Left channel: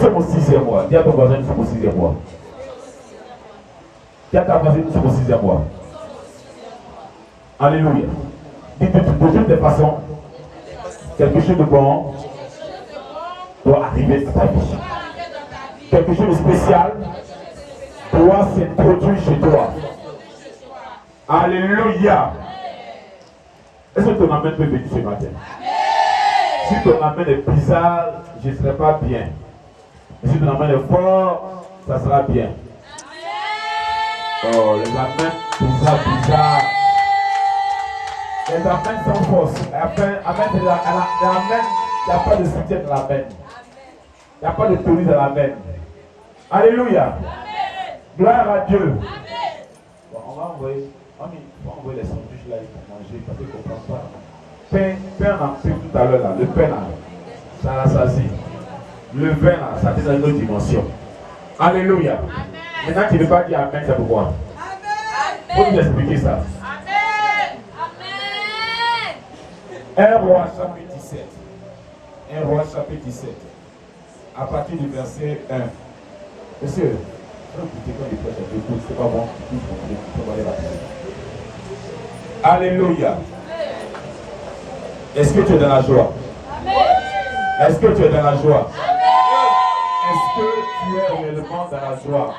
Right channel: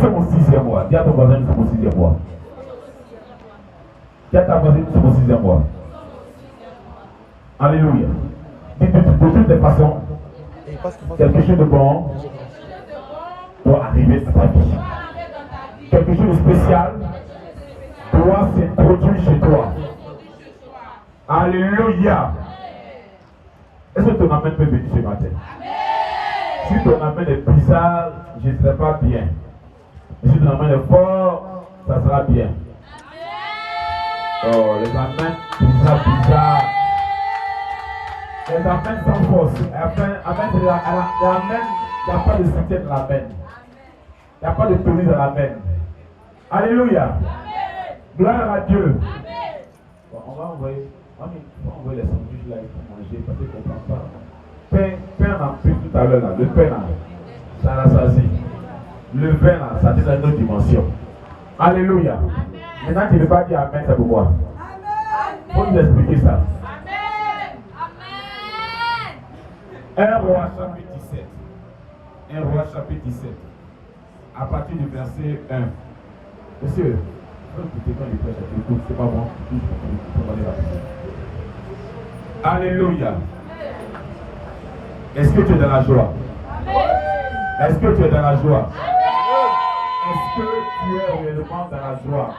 C'est mon 6e mois. Dis à ton voisin, c'est mon 6e mois. Dis à ta voisine, c'est mon 6e mois. Alléluia. Dis de toutes les façons, quelque chose de bon doit arriver dans ta vie. Quelque chose de spécial doit s'introduire chez toi. Alléluia. Est-ce que ton amen peut venir ce matin? Si ton amen est bizarre, je ne serai pas bien. Mais si ton amen est fort, ça sera bien. Oh, les amens bizarres. Les amens sont force. Amen, il n'y a pas de soutien dans l'amen. Il n'y a pas de tenue dans l'amen. Alléluia. Gloire à Dieu. Bon, on va envoyer les sandwichs là, ils vont manger parce qu'ils ne comprennent pas. Pain en plus tout à l'heure là, le pain là, ça rassasie. Le vin là, ça est dans une autre dimension. Alléluia. Maintenant tu ne veux pas dire amen, c'est pourquoi? Il faut nous expliquer ça. Un roi chapitre 17. Un roi chapitre 17. À partir du verset 1. Monsieur, écoutez quand il prêche, écoute, c'est pas bon. Alléluia. Est-ce que tu es dans la joie? Est-ce que tu es dans la joie? Est-ce que tu es réellement dans la joie?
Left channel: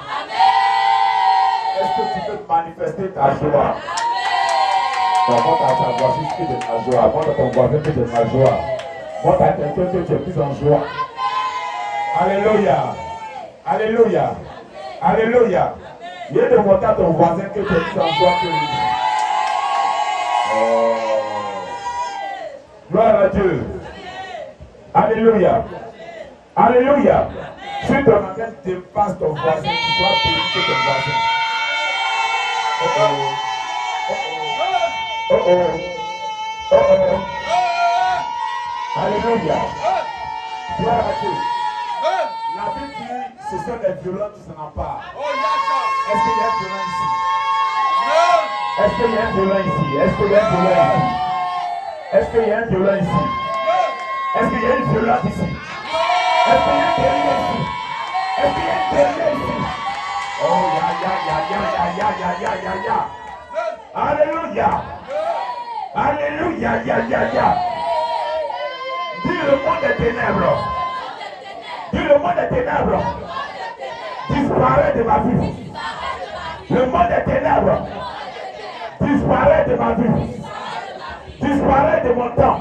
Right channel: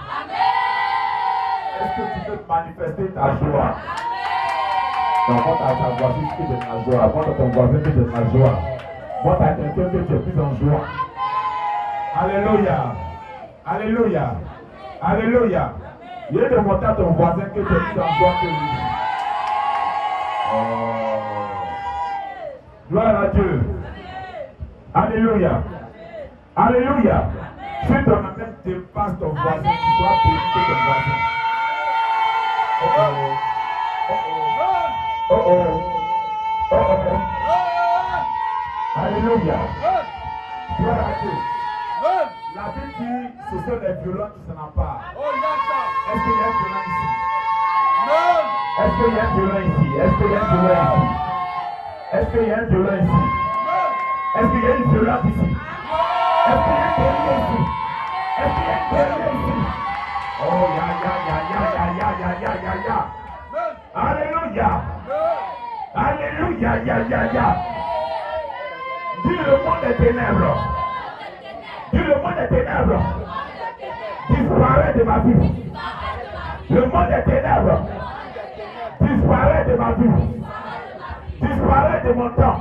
Est-ce que tu peux manifester ta joie? Montre à ta voisine que tu es dans la joie. Montre à ton voisin que tu es dans la joie. Montre à quelqu'un que tu es plus en joie. Alléluia. Alléluia. Alléluia. Il est de montrer à ton voisin que tu es plus en joie que lui. Gloire à Dieu. Alléluia. Alléluia. Si ton amen dépasse ton voisin, tu dois bénir ton voisin. Alléluia. Gloire à Dieu. La Bible dit ce sont les violents qui s'en emparent. Est-ce qu'il y a un violent ici? Est-ce qu'il y a un violent ici? Est-ce qu'il y a un violent ici? Est-ce qu'il y a un violent ici? Est-ce qu'il y a une violence ici? Est-ce qu'il y a un guerrier ici? Est-ce qu'il y a un guerrier ici? Oh, ya. Alléluia. Alléluia, ya. Dis le monde des ténèbres. Dis le monde des ténèbres. Disparaît de ma vie. Le monde des ténèbres. Disparaît de ma vie. Disparaît de mon temps.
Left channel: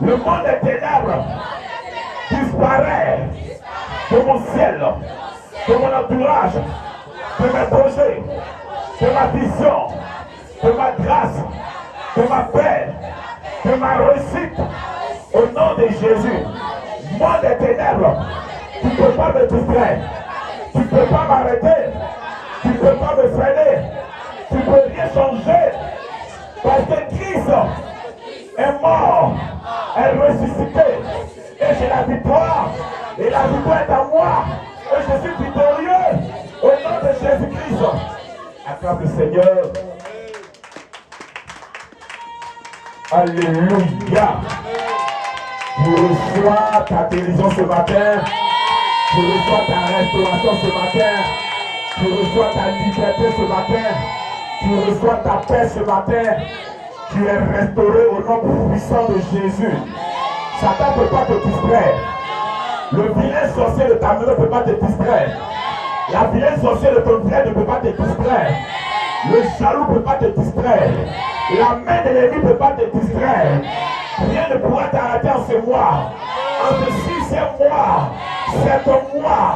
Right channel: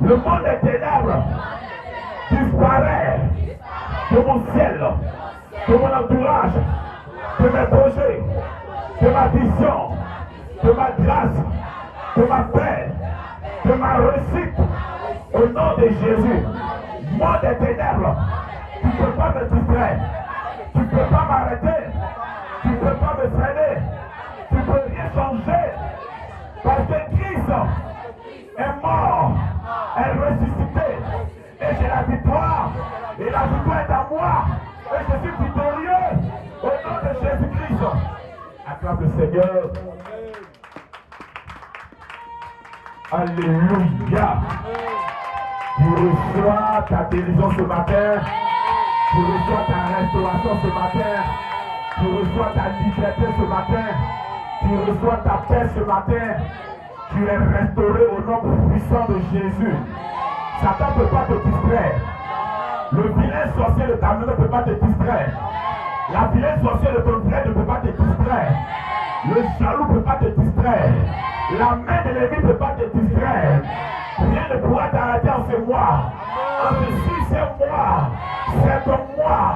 Le monde des ténèbres disparaît de mon ciel, de mon entourage, de mes projets, de ma vision, de ma grâce, de ma paix, de ma réussite. Au nom de Jésus, monde des ténèbres, tu ne peux pas me distraire, tu ne peux pas m'arrêter, tu ne peux pas me freiner, tu ne peux rien changer. Parce que Christ est mort, est ressuscité, et j'ai la victoire, et la victoire est à moi, et je suis victorieux, au nom de Jésus-Christ. Acclame le Seigneur. Alléluia. Tu reçois ta guérison ce matin, tu reçois ta restauration ce matin, tu reçois ta liberté ce matin, tu reçois ta paix ce matin. Tu es restauré au nom puissant de Jésus. Satan ne peut pas te distraire. Le vilain sorcier de ta maison ne peut pas te distraire. La vilaine sorcière de ton frère ne peut pas te distraire. Le jaloux ne peut pas te distraire. La main de l'ennemi ne peut pas te distraire. Rien ne pourra t'arrêter en ce mois. En ce 6e mois, c'est ton mois.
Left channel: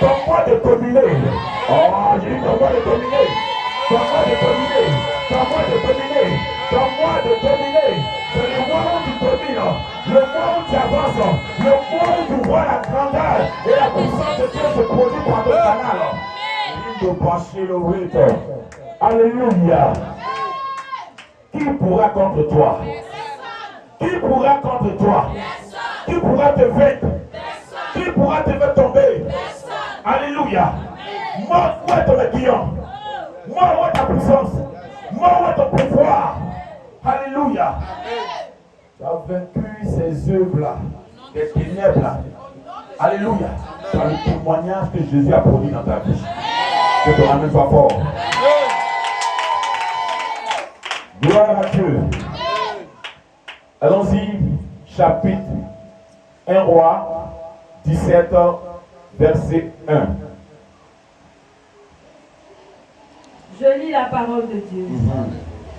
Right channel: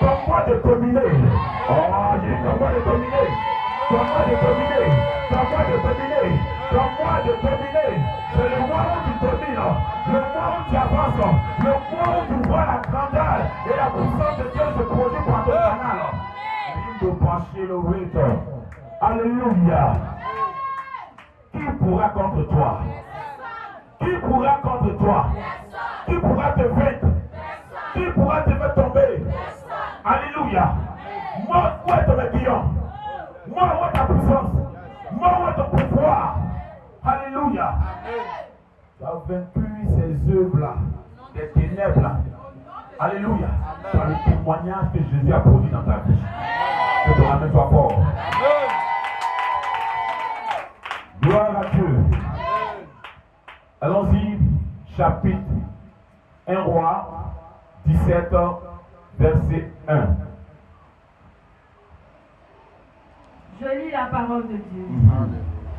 Ton mois de dominer. Oh, j'ai dit ton mois de dominer. Ton mois de dominer. Ton mois de dominer. Ton mois de dominer. C'est le mois où tu domines. Le mois où tu avances. Le mois où tu vois la grandeur et la puissance de Dieu se produit par ton canal. Alléluia. Qui pourra contre toi? Qui pourra contre toi? Qui pourra te vaincre? Qui pourra te faire tomber? Alléluia. Moi, où est ton aiguillon? Moi, où est ta puissance? Moi, où est ton pouvoir? Alléluia. Tu as vaincu ces œuvres-là, des ténèbres-là. Alléluia. Par le témoignage que Jésus a produit dans ta vie. Que ton amen soit fort. Gloire à Dieu. Allons-y, chapitre 1 Roi 17, verset 1. Je lis la parole de Dieu.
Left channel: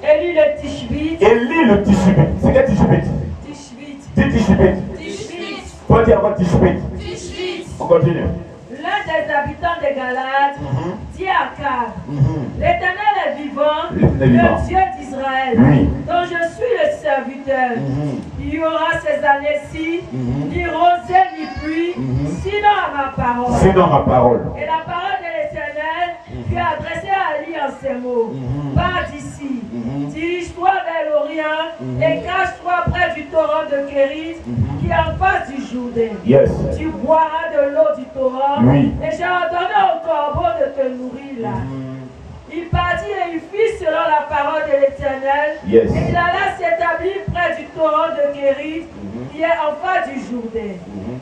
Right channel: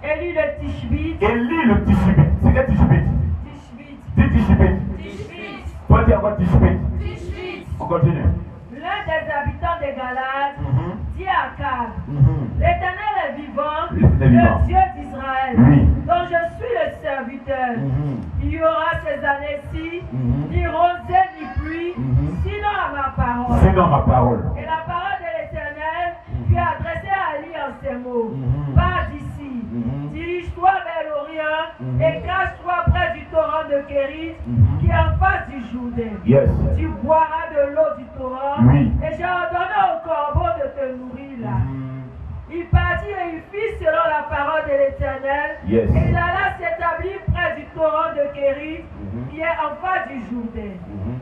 Élie le Tishbite. Élie le Tishbite. C'est quel Tishbite? Tishbite. Dis Tishbite. Tishbite. Faut dire encore Tishbite. Tishbite. On continue. L'un des habitants de Galate dit à Akab, l'Éternel est vivant, vivant. le Dieu d'Israël, Oui. dont je suis le serviteur. Il y aura ces années-ci, ni rosée ni pluie, sinon à ma parole. Sinon ma parole. Et la parole de l'Éternel fut adressée à Élie en ces mots. Pars d'ici, dirige-toi vers l'Orient et cache-toi près du torrent de Kérit qui est en face du Jourdain. Yes. Tu boiras de l'eau du torrent. Oui. Et j'ai ordonné au corbeau de te nourrir là. Il partit et il fit selon la parole de l'Éternel. Yes. Et il alla s'établir près du torrent de Kérit qui est en face du Jourdain.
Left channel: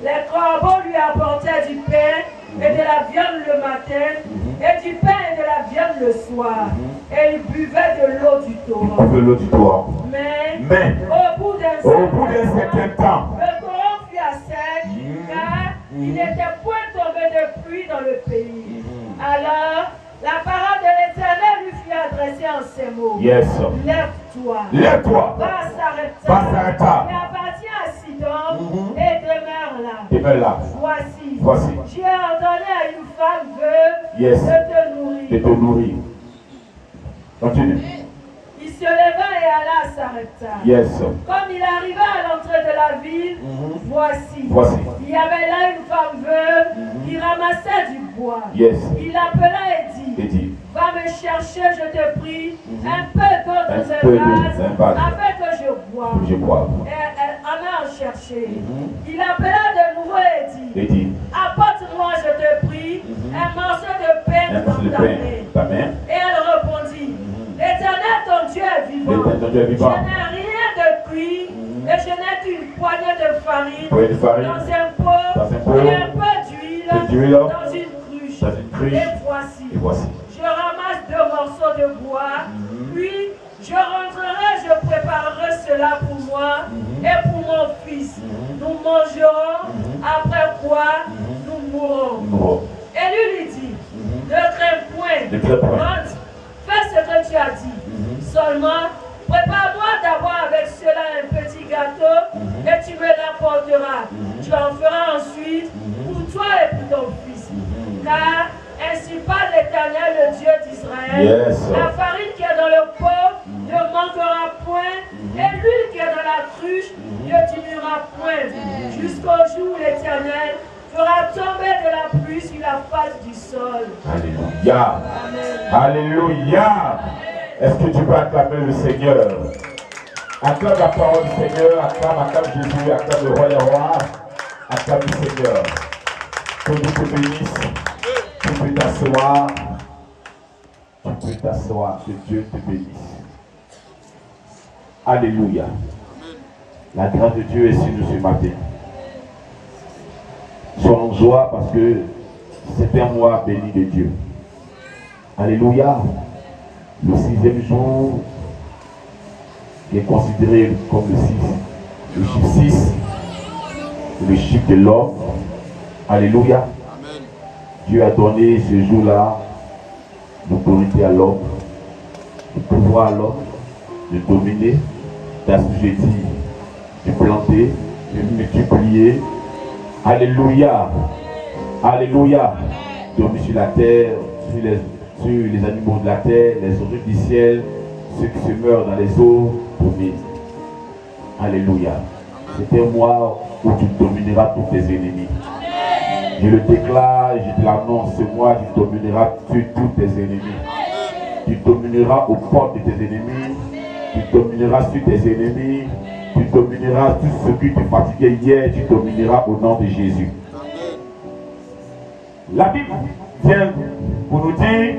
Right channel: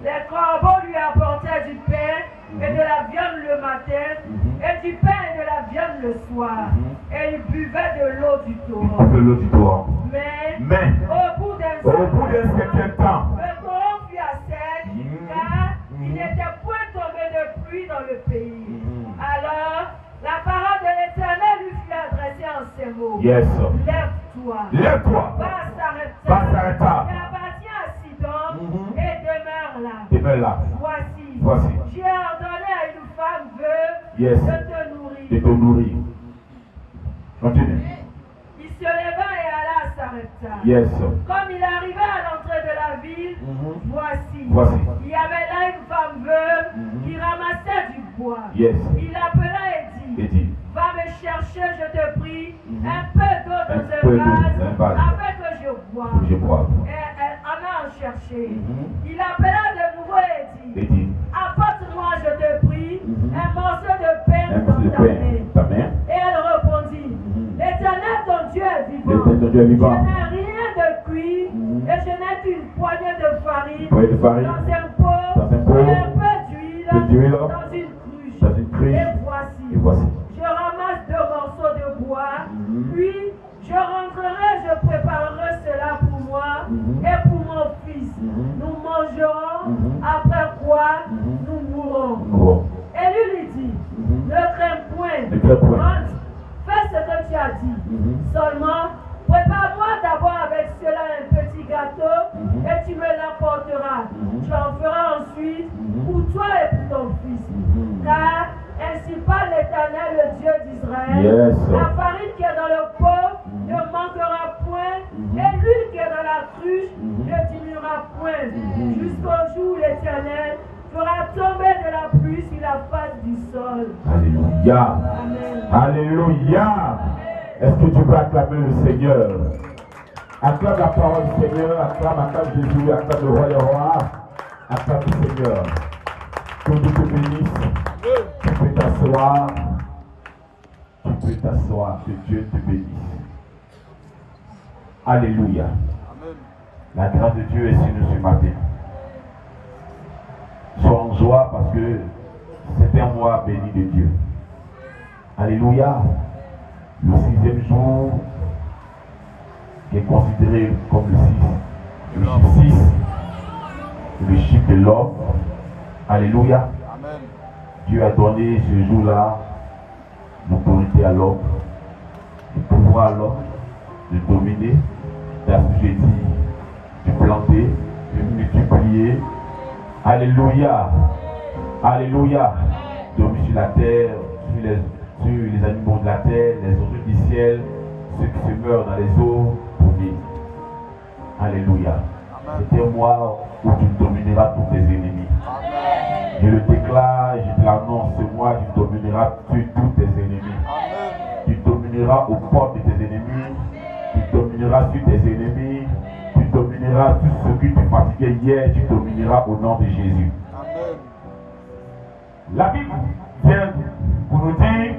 Les corbeaux lui apportaient du pain et de la viande le matin, et du pain et de la viande le soir. Et il buvait de l'eau du torrent. De l'eau du torrent. Mais au bout d'un certain temps, le torrent fut à sec, car il n'était point tombé de pluie dans le pays. Alors, la parole de l'Éternel lui fut adressée en ces mots. Yes. Lève-toi. Lève-toi. Va Va Sarepta. et appartiens à Sidon et demeure là. Demeure là. Voici. J'ai ordonné à une femme veuve Yes. de te nourrir. De te nourrir. Continue. Il se leva et alla à Sarepta. Yes. Comme il arriva à l'entrée de la ville, voici. Il y avait là une femme veuve qui ramassait du bois. Yes. Il l'appela et dit, va me chercher, je te prie, un peu d'eau dans un vase, afin que je boive. Et elle en a cherché. Il l'appela de nouveau et dit, apporte-moi, je te prie, un morceau de pain dans ta main. Et elle répondit, l'Éternel ton Dieu est vivant. Je n'ai rien de cuit et je n'ai qu'une poignée de farine dans un pot et un peu d'huile dans une cruche. Et voici. Je ramasse 2 morceaux de bois, puis je rentrerai, je préparerai cela pour moi et pour mon fils. Nous mangerons, après quoi nous mourrons. Et lui dit, ne crains point, rentre, fais ce que tu as dit. Seulement, prépare-moi d'abord avec cela un petit gâteau et tu me l'apporteras. Tu en feras ensuite pour toi et pour ton fils. Car ainsi parle l'Éternel, le Dieu d'Israël. La farine qui est dans le pot ne manquera point, et l'huile qui est dans la cruche ne diminuera point, jusqu'au jour où l'Éternel fera tomber de la pluie sur la face du sol. Alléluia. Amen. Alléluia. Est-ce que tu peux acclamer le Seigneur? Acclame la parole du Seigneur, acclame Jésus, acclame le roi des rois, acclame le Seigneur. Que Dieu te bénisse. Tu peux t'asseoir. Tu peux t'asseoir. Que Dieu te bénisse. Alléluia. Amen. La grâce de Dieu est sur nous ce matin. Sois en joie parce que c'est un mois béni de Dieu. Alléluia. Le 6e jour qui est considéré comme le chiffre 6, le chiffre de l'homme. Alléluia. Amen. Dieu a donné ce jour-là l'autorité à l'homme, le pouvoir à l'homme, de dominer, d'assujettir, de planter, de multiplier. Alléluia. Alléluia. Dominer sur la terre, sur les animaux de la terre, les oiseaux du ciel, ceux qui se meurent dans les eaux, dominer. Alléluia. C'est un mois où tu domineras tous tes ennemis. Je le déclare, je te l'annonce, ce mois tu domineras sur tous tes ennemis. Tu domineras aux portes de tes ennemis. Tu domineras sur tes ennemis. Tu domineras tout ce qui te fatiguait hier. Tu domineras au nom de Jésus. Amen. La Bible vient pour nous dire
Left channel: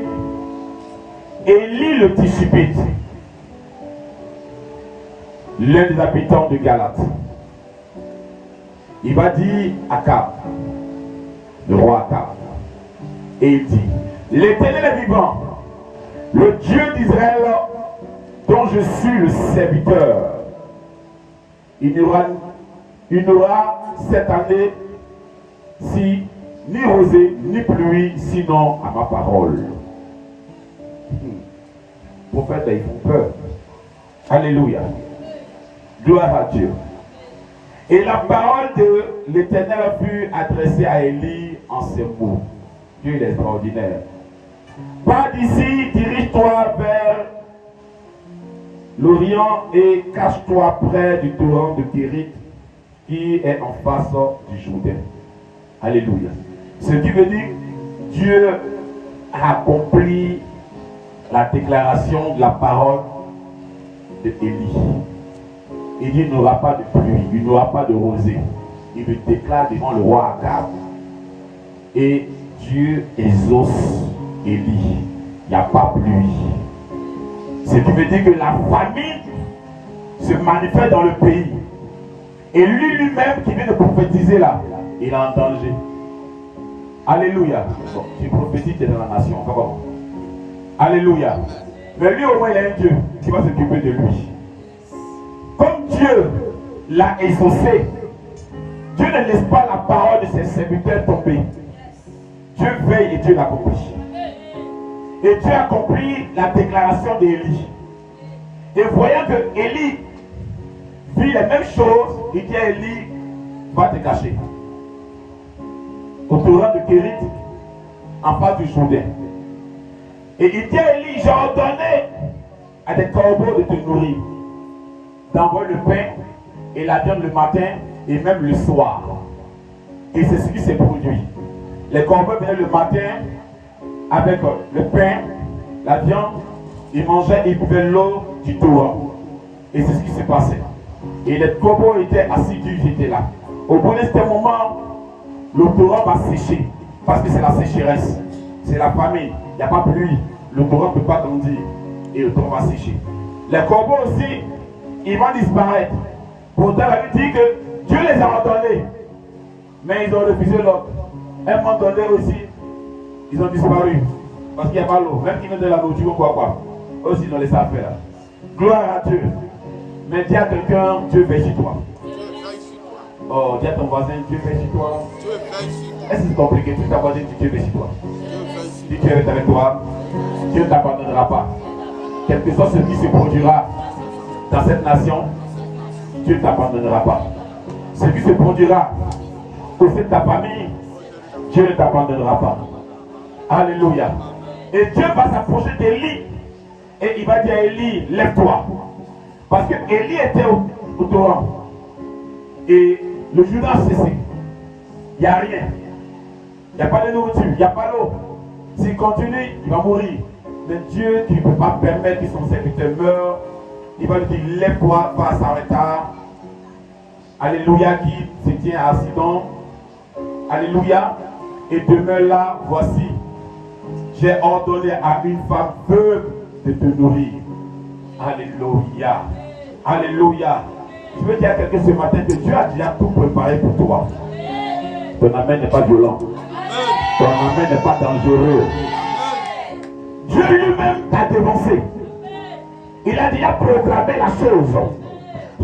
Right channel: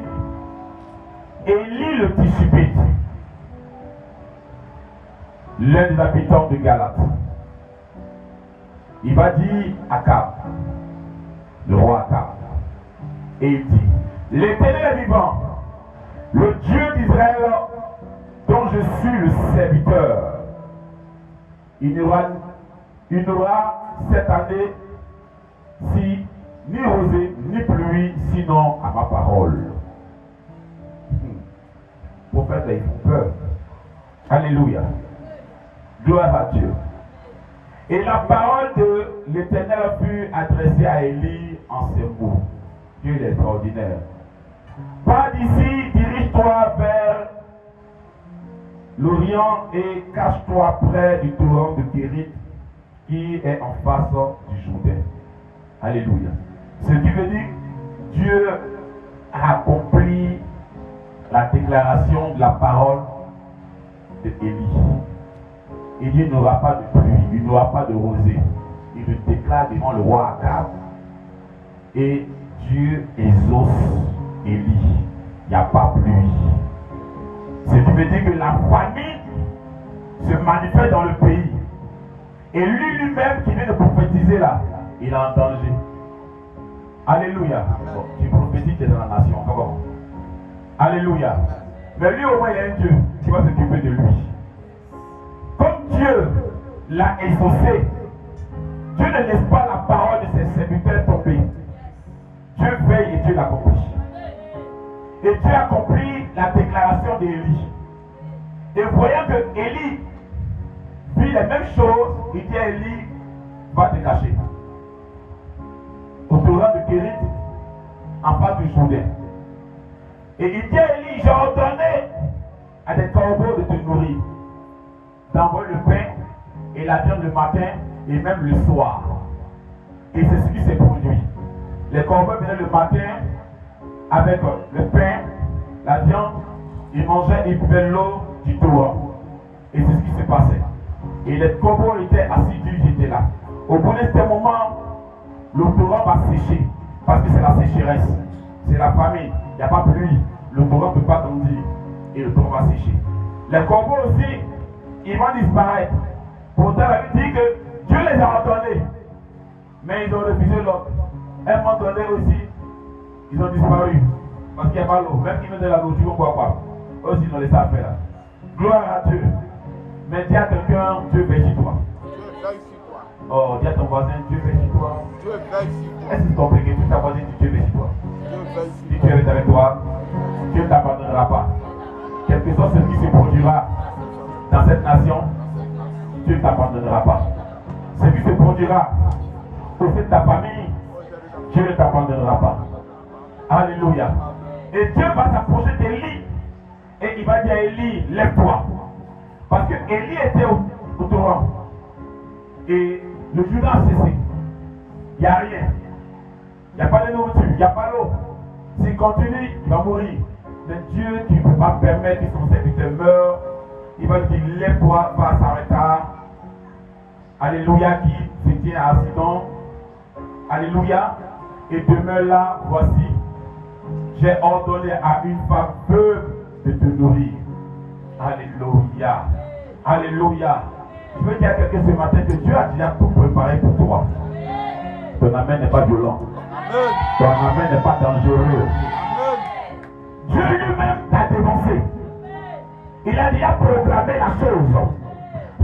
Élie le Tishbite, l'un des habitants de Galate. Il va dire à Akab, le roi Akab. Et il dit, l'Éternel est vivant, le Dieu d'Israël, dont je suis le serviteur. Il n'y aura cette année ni rosée ni pluie, sinon à ma parole. Prophète, ils font peur. Alléluia. Gloire à Dieu. Et la parole de l'Éternel fut adressée à Élie en ces mots. Dieu est extraordinaire. Pars d'ici, dirige-toi vers l'Orient et cache-toi près du torrent de Kérit qui est en face du Jourdain. Alléluia. Ce qui veut dire Dieu a accompli la déclaration de la parole d'Élie. Il dit il n'y aura pas de pluie, il n'y aura pas de rosée. Il le déclare devant le roi Akab. Et Dieu exauce Élie. Il n'y a pas pluie. Ce qui veut dire que la famine se manifeste dans le pays. Et lui-même qui vient de prophétiser là, il est en danger. Alléluia. Bon, tu prophétises, tu es dans la nation. Comment? Alléluia. Mais lui au moins il a un Dieu qui va s'occuper de lui. Comme Dieu l'a exaucé, Dieu ne laisse pas la parole de ses serviteurs tomber. Dieu veille et Dieu l'accomplit. Et Dieu accomplit la déclaration d'Élie. Et voyant que Élie vit les mêmes choses, il dit à Élie, va te cacher. Au torrent de Kérit, en face du Jourdain. Et il dit à Élie, j'ai ordonné à des corbeaux de te nourrir, d'envoyer le pain et la viande le matin et même le soir. Et c'est ce qui s'est produit. Les corbeaux venaient le matin avec le pain, la viande, ils mangeaient et ils buvaient l'eau du torrent. Et c'est ce qui s'est passé. Et les corbeaux étaient assidus, j'étais là. Au bout de ce moment, le torrent va sécher. Parce que c'est la sécheresse. C'est la famine. Il n'y a pas pluie. Le torrent ne peut pas grandir. Et le torrent va sécher. Les corbeaux aussi, ils vont disparaître. Pourtant, la Bible dit que Dieu les a ordonnés. Mais ils ont refusé l'ordre. À un moment donné aussi, ils ont disparu. Parce qu'il n'y a pas l'eau. Même qu'ils ont de la nourriture ou quoi. Aussi, ils ont laissé faire. Gloire à Dieu. Mais dis à quelqu'un, Dieu veille sur toi. Oh, dis à ton voisin, Dieu veille sur toi. Est-ce que c'est compliqué? Tu t'as dit Dieu veille sur toi. Si Dieu est avec toi, Dieu ne t'abandonnera pas. Quel que soit ce qui se produira dans cette nation, Dieu ne t'abandonnera pas. Ce qui se produira au sein de ta famille, Dieu ne t'abandonnera pas. Alléluia. Et Dieu va s'approcher d'Élie et il va dire à Élie, lève-toi. Parce que Élie était au torrent. Et le Jourdain a cessé. Il n'y a rien. Il n'y a pas de nourriture, il n'y a pas d'eau. S'il continue, il va mourir. Mais Dieu, tu ne peux pas permettre que son serviteur meure. Il va lui dire, lève-toi, va à Sarepta. Alléluia, qui se tient à Sidon. Alléluia. Et demeure là, voici. J'ai ordonné à une femme veuve de te nourrir. Alléluia. Alléluia. Je veux dire à quelqu'un ce matin que Dieu a déjà tout préparé pour toi. Ton amen n'est pas violent. Ton amen n'est pas dangereux. Dieu lui-même t'a dévancé. Il a déjà programmé la chose.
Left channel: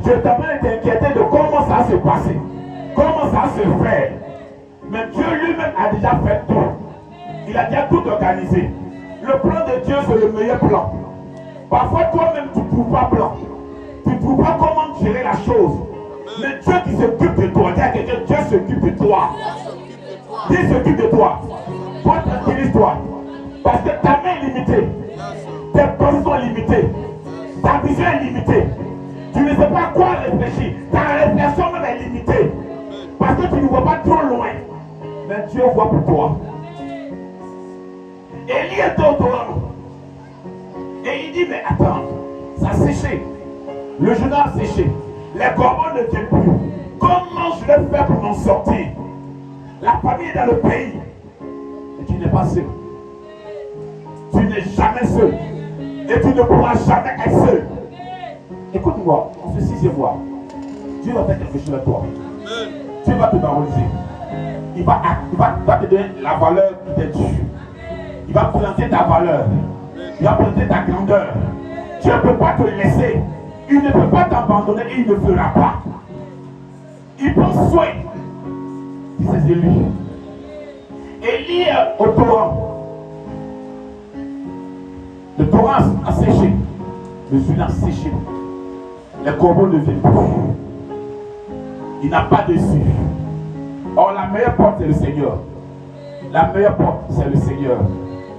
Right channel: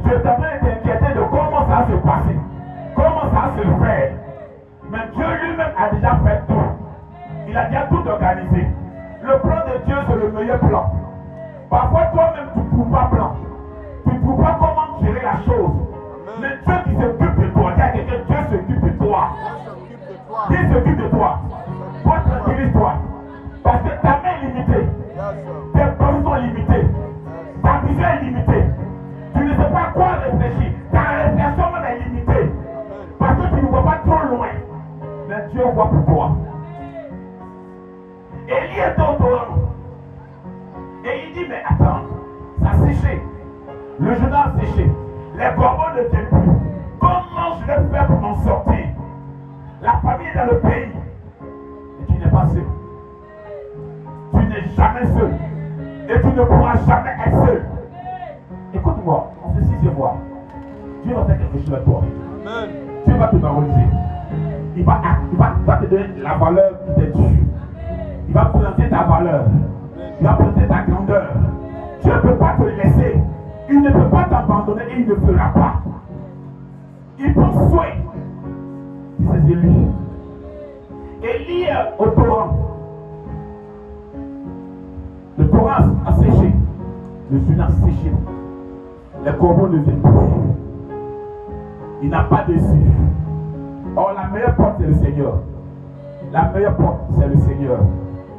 Je t'avais t'inquiéter de comment ça va se passer. Comment ça va se faire. Mais Dieu lui-même a déjà fait tout. Il a déjà tout organisé. Le plan de Dieu, c'est le meilleur plan. Parfois, toi-même, tu ne trouves pas plan. Tu ne trouves pas comment gérer la chose. Mais Dieu qui s'occupe de toi, dis à quelqu'un, Dieu s'occupe de toi. Dieu s'occupe de toi. Toi, tranquillise-toi. Parce que ta main est limitée. Tes pensées sont limitées. Ta vision est limitée. Tu ne sais pas à quoi réfléchir. Ta réflexion même est limitée. Parce que tu ne vois pas trop loin. Mais Dieu voit pour toi. Élie est au torrent. Et il dit, mais attends, ça a séché. Le Jourdain a séché. Les corbeaux ne viennent plus. Comment je vais faire pour m'en sortir? La famille est dans le pays. Et tu n'es pas seul. Tu n'es jamais seul. Et tu ne pourras jamais être seul. Écoute-moi, en ce 6e mois, Dieu va faire quelque chose à toi. Dieu va te valoriser. il va te donner la valeur qui t'est due. Il va planter ta valeur. Il va planter ta grandeur. Dieu ne peut pas te laisser. Il ne peut pas t'abandonner et il ne fera pas. Il prend soin de ses élus. Élie est au torrent. Le torrent a séché. Le Sud a séché. Les corbeaux ne viennent plus. Il n'a pas dessus. Or, la meilleure porte, c'est le Seigneur. La meilleure porte, c'est le Seigneur.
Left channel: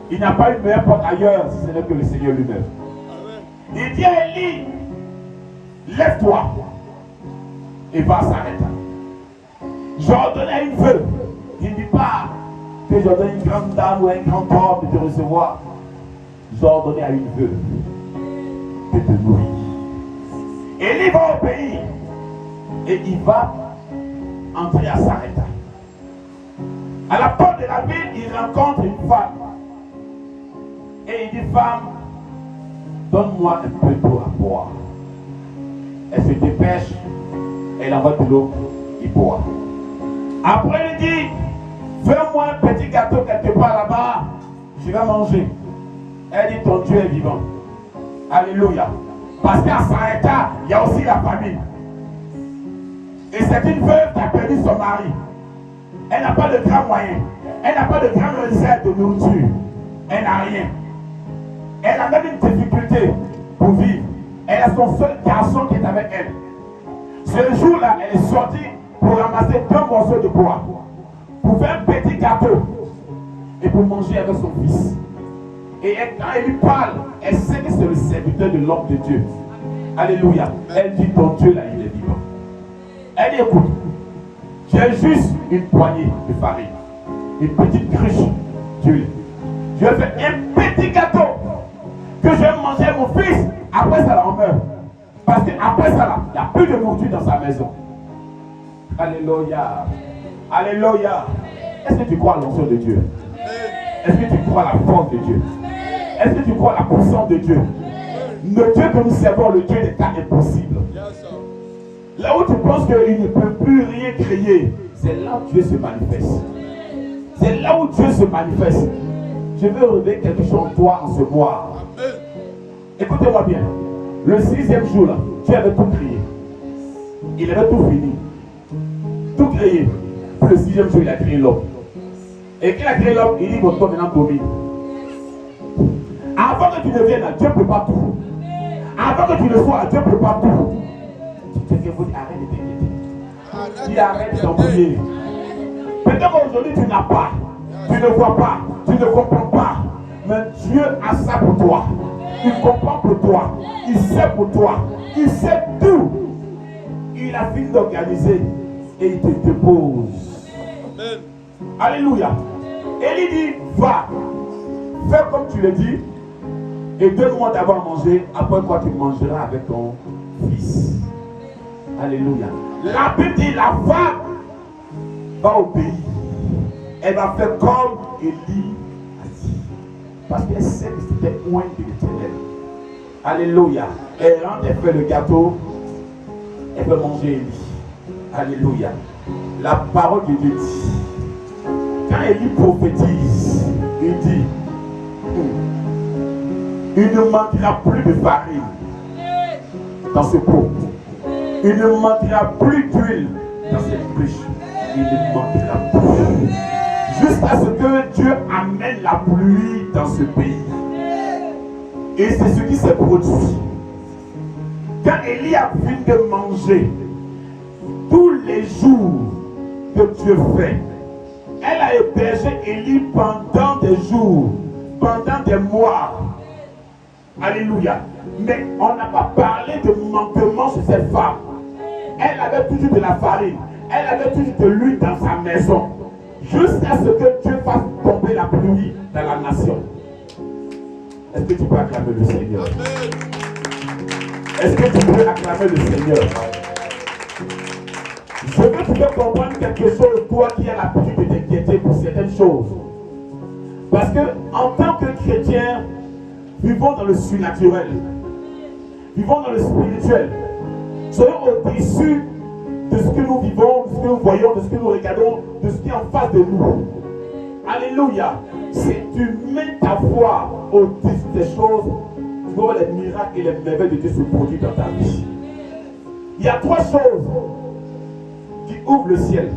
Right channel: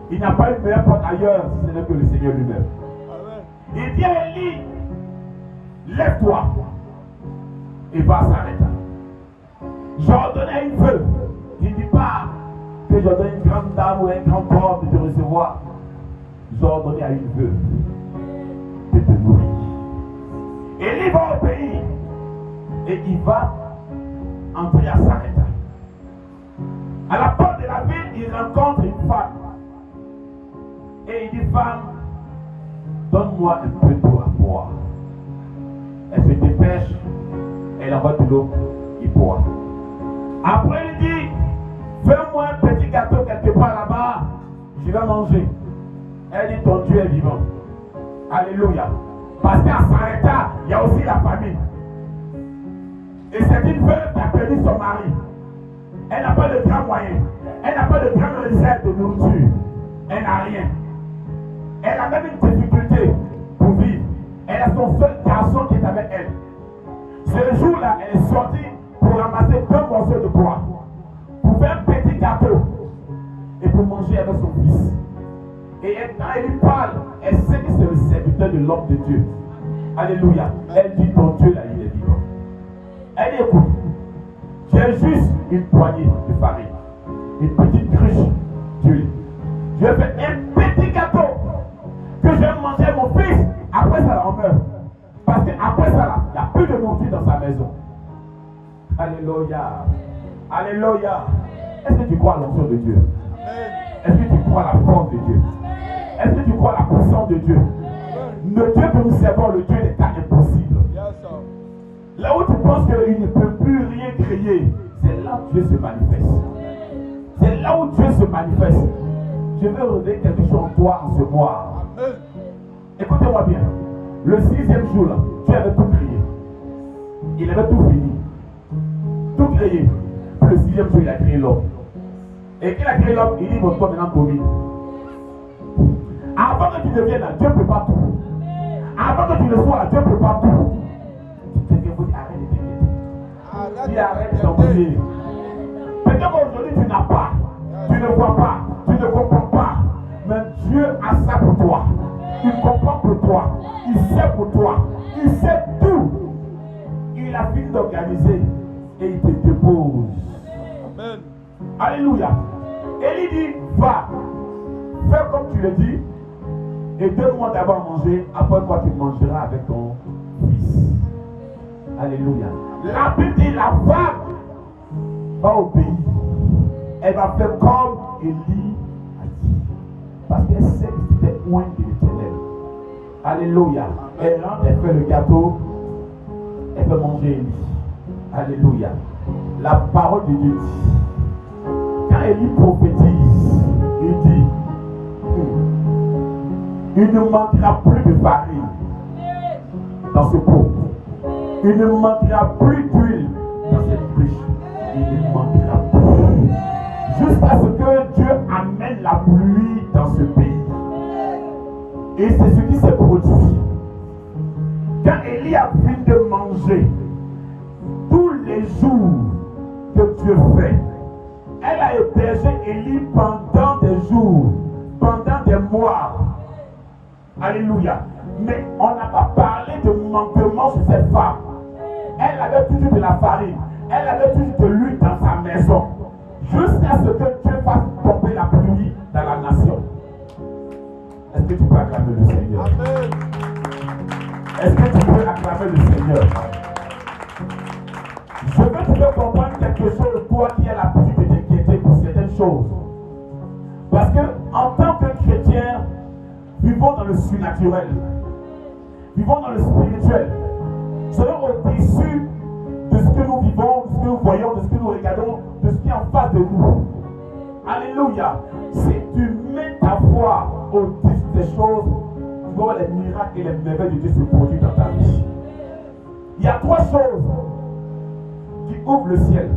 Il n'a pas une meilleure porte ailleurs, si ce n'est que le Seigneur lui-même. Il dit à Élie, lève-toi et va à Sarepta. J'ordonne à une veuve. Il ne dit pas que j'ordonne une grande dame ou un grand homme de te recevoir. J'ordonne à une veuve de te nourrir. Élie va au pays et il va entrer à Sarepta. À la porte de la ville, il rencontre une femme. Et il dit, femme, donne-moi un peu d'eau à boire. Elle se dépêche, elle envoie de l'eau, il boit. Après, il dit, fais-moi un petit gâteau quelque part là-bas, je vais manger. Elle dit, ton Dieu est vivant. Alléluia. Parce qu'à Sarepta, il y a aussi la famine. Et c'est une veuve qui a perdu son mari. Elle n'a pas de grands moyens. Elle n'a pas de grandes réserves de nourriture. Elle n'a rien. Elle a même une difficulté pour vivre. Elle a son seul garçon qui est avec elle. Ce jour-là, elle est sortie pour ramasser 2 morceaux de bois, pour faire un petit gâteau et pour manger avec son fils. Et quand elle lui parle, elle sait que c'est le serviteur de l'homme de Dieu. Alléluia. Elle dit, ton Dieu là, il est vivant. Elle dit, écoute, j'ai juste une poignée de farine, une petite cruche d'huile. Je vais faire un petit gâteau que je vais manger mon fils. Après ça, là, on meurt. Parce qu'après ça, là, il n'y a plus de nourriture dans sa maison. Alléluia. Alléluia. Est-ce que tu crois à l'onction de Dieu? Est-ce que tu crois à la force de Dieu? Est-ce que tu crois à la puissance de Dieu? Le Dieu que nous servons, le Dieu des cas impossibles. Là où tu penses qu'il ne peut plus rien créer, c'est là où Dieu se manifeste. C'est là où Dieu se manifeste. Je veux révéler quelque chose en toi en ce mois. Écoutez-moi bien. Le 6e jour, là, Dieu avait tout créé. Il avait tout fini. Tout créé. Le 6e jour, il a créé l'homme. Et qu'il a créé l'homme, il dit, votre maintenant domine. Avant que tu ne viennes là, Dieu ne peut pas tout. Avant que tu ne sois là, Dieu ne peut pas tout. Quelqu'un vous dit, arrête de t'inquiéter. Il arrête de t'embrouiller. Peut-être qu'aujourd'hui tu n'as pas, tu ne vois pas, tu ne comprends pas. Mais Dieu a ça pour toi. Il comprend pour toi. Il sait pour toi. Il sait tout. Il a fini d'organiser et il te dépose. Amen. Alléluia. Élie dit, va, fais comme tu le dis et donne-moi d'abord manger, après quoi tu mangeras avec ton fils. Alléluia. La Bible dit, la femme va obéir. Elle va faire comme Élie a dit. Parce qu'elle sait que c'était loin de l'Éternel. Alléluia. Elle rentre, elle fait le gâteau. Elle veut manger Élie. Alléluia. La parole de Dieu dit, quand Élie prophétise, il dit, il ne manquera plus de farine dans ce pot. Il ne manquera plus d'huile dans cette cruche. Il ne manquera plus. Jusqu'à ce que Dieu amène la pluie dans ce pays. Et c'est ce qui s'est produit. Quand Élie a fini de manger, tous les jours que Dieu fait, elle a hébergé Élie pendant des jours, pendant des mois. Alléluia. Mais on n'a pas parlé de manquement sur cette femme. Elle avait toujours de la farine. Elle avait toujours de l'huile dans sa maison. Jusqu'à ce que Dieu fasse tomber la pluie dans la nation. Est-ce que tu peux acclamer le Seigneur? Amen. Est-ce que tu peux acclamer le Seigneur? Je veux que tu peux comprendre quelque chose, toi qui as l'habitude de t'inquiéter pour certaines choses. Parce que en tant que chrétien, vivons dans le surnaturel. Vivons dans le spirituel. Soyons au-dessus de ce que nous vivons, de ce que nous voyons, de ce que nous regardons, de ce qui est en face de nous. Alléluia. Si tu mets ta foi au-dessus des choses, tu vas voir les miracles et les merveilles de Dieu se produire dans ta vie. Il y a 3 choses qui ouvrent le ciel.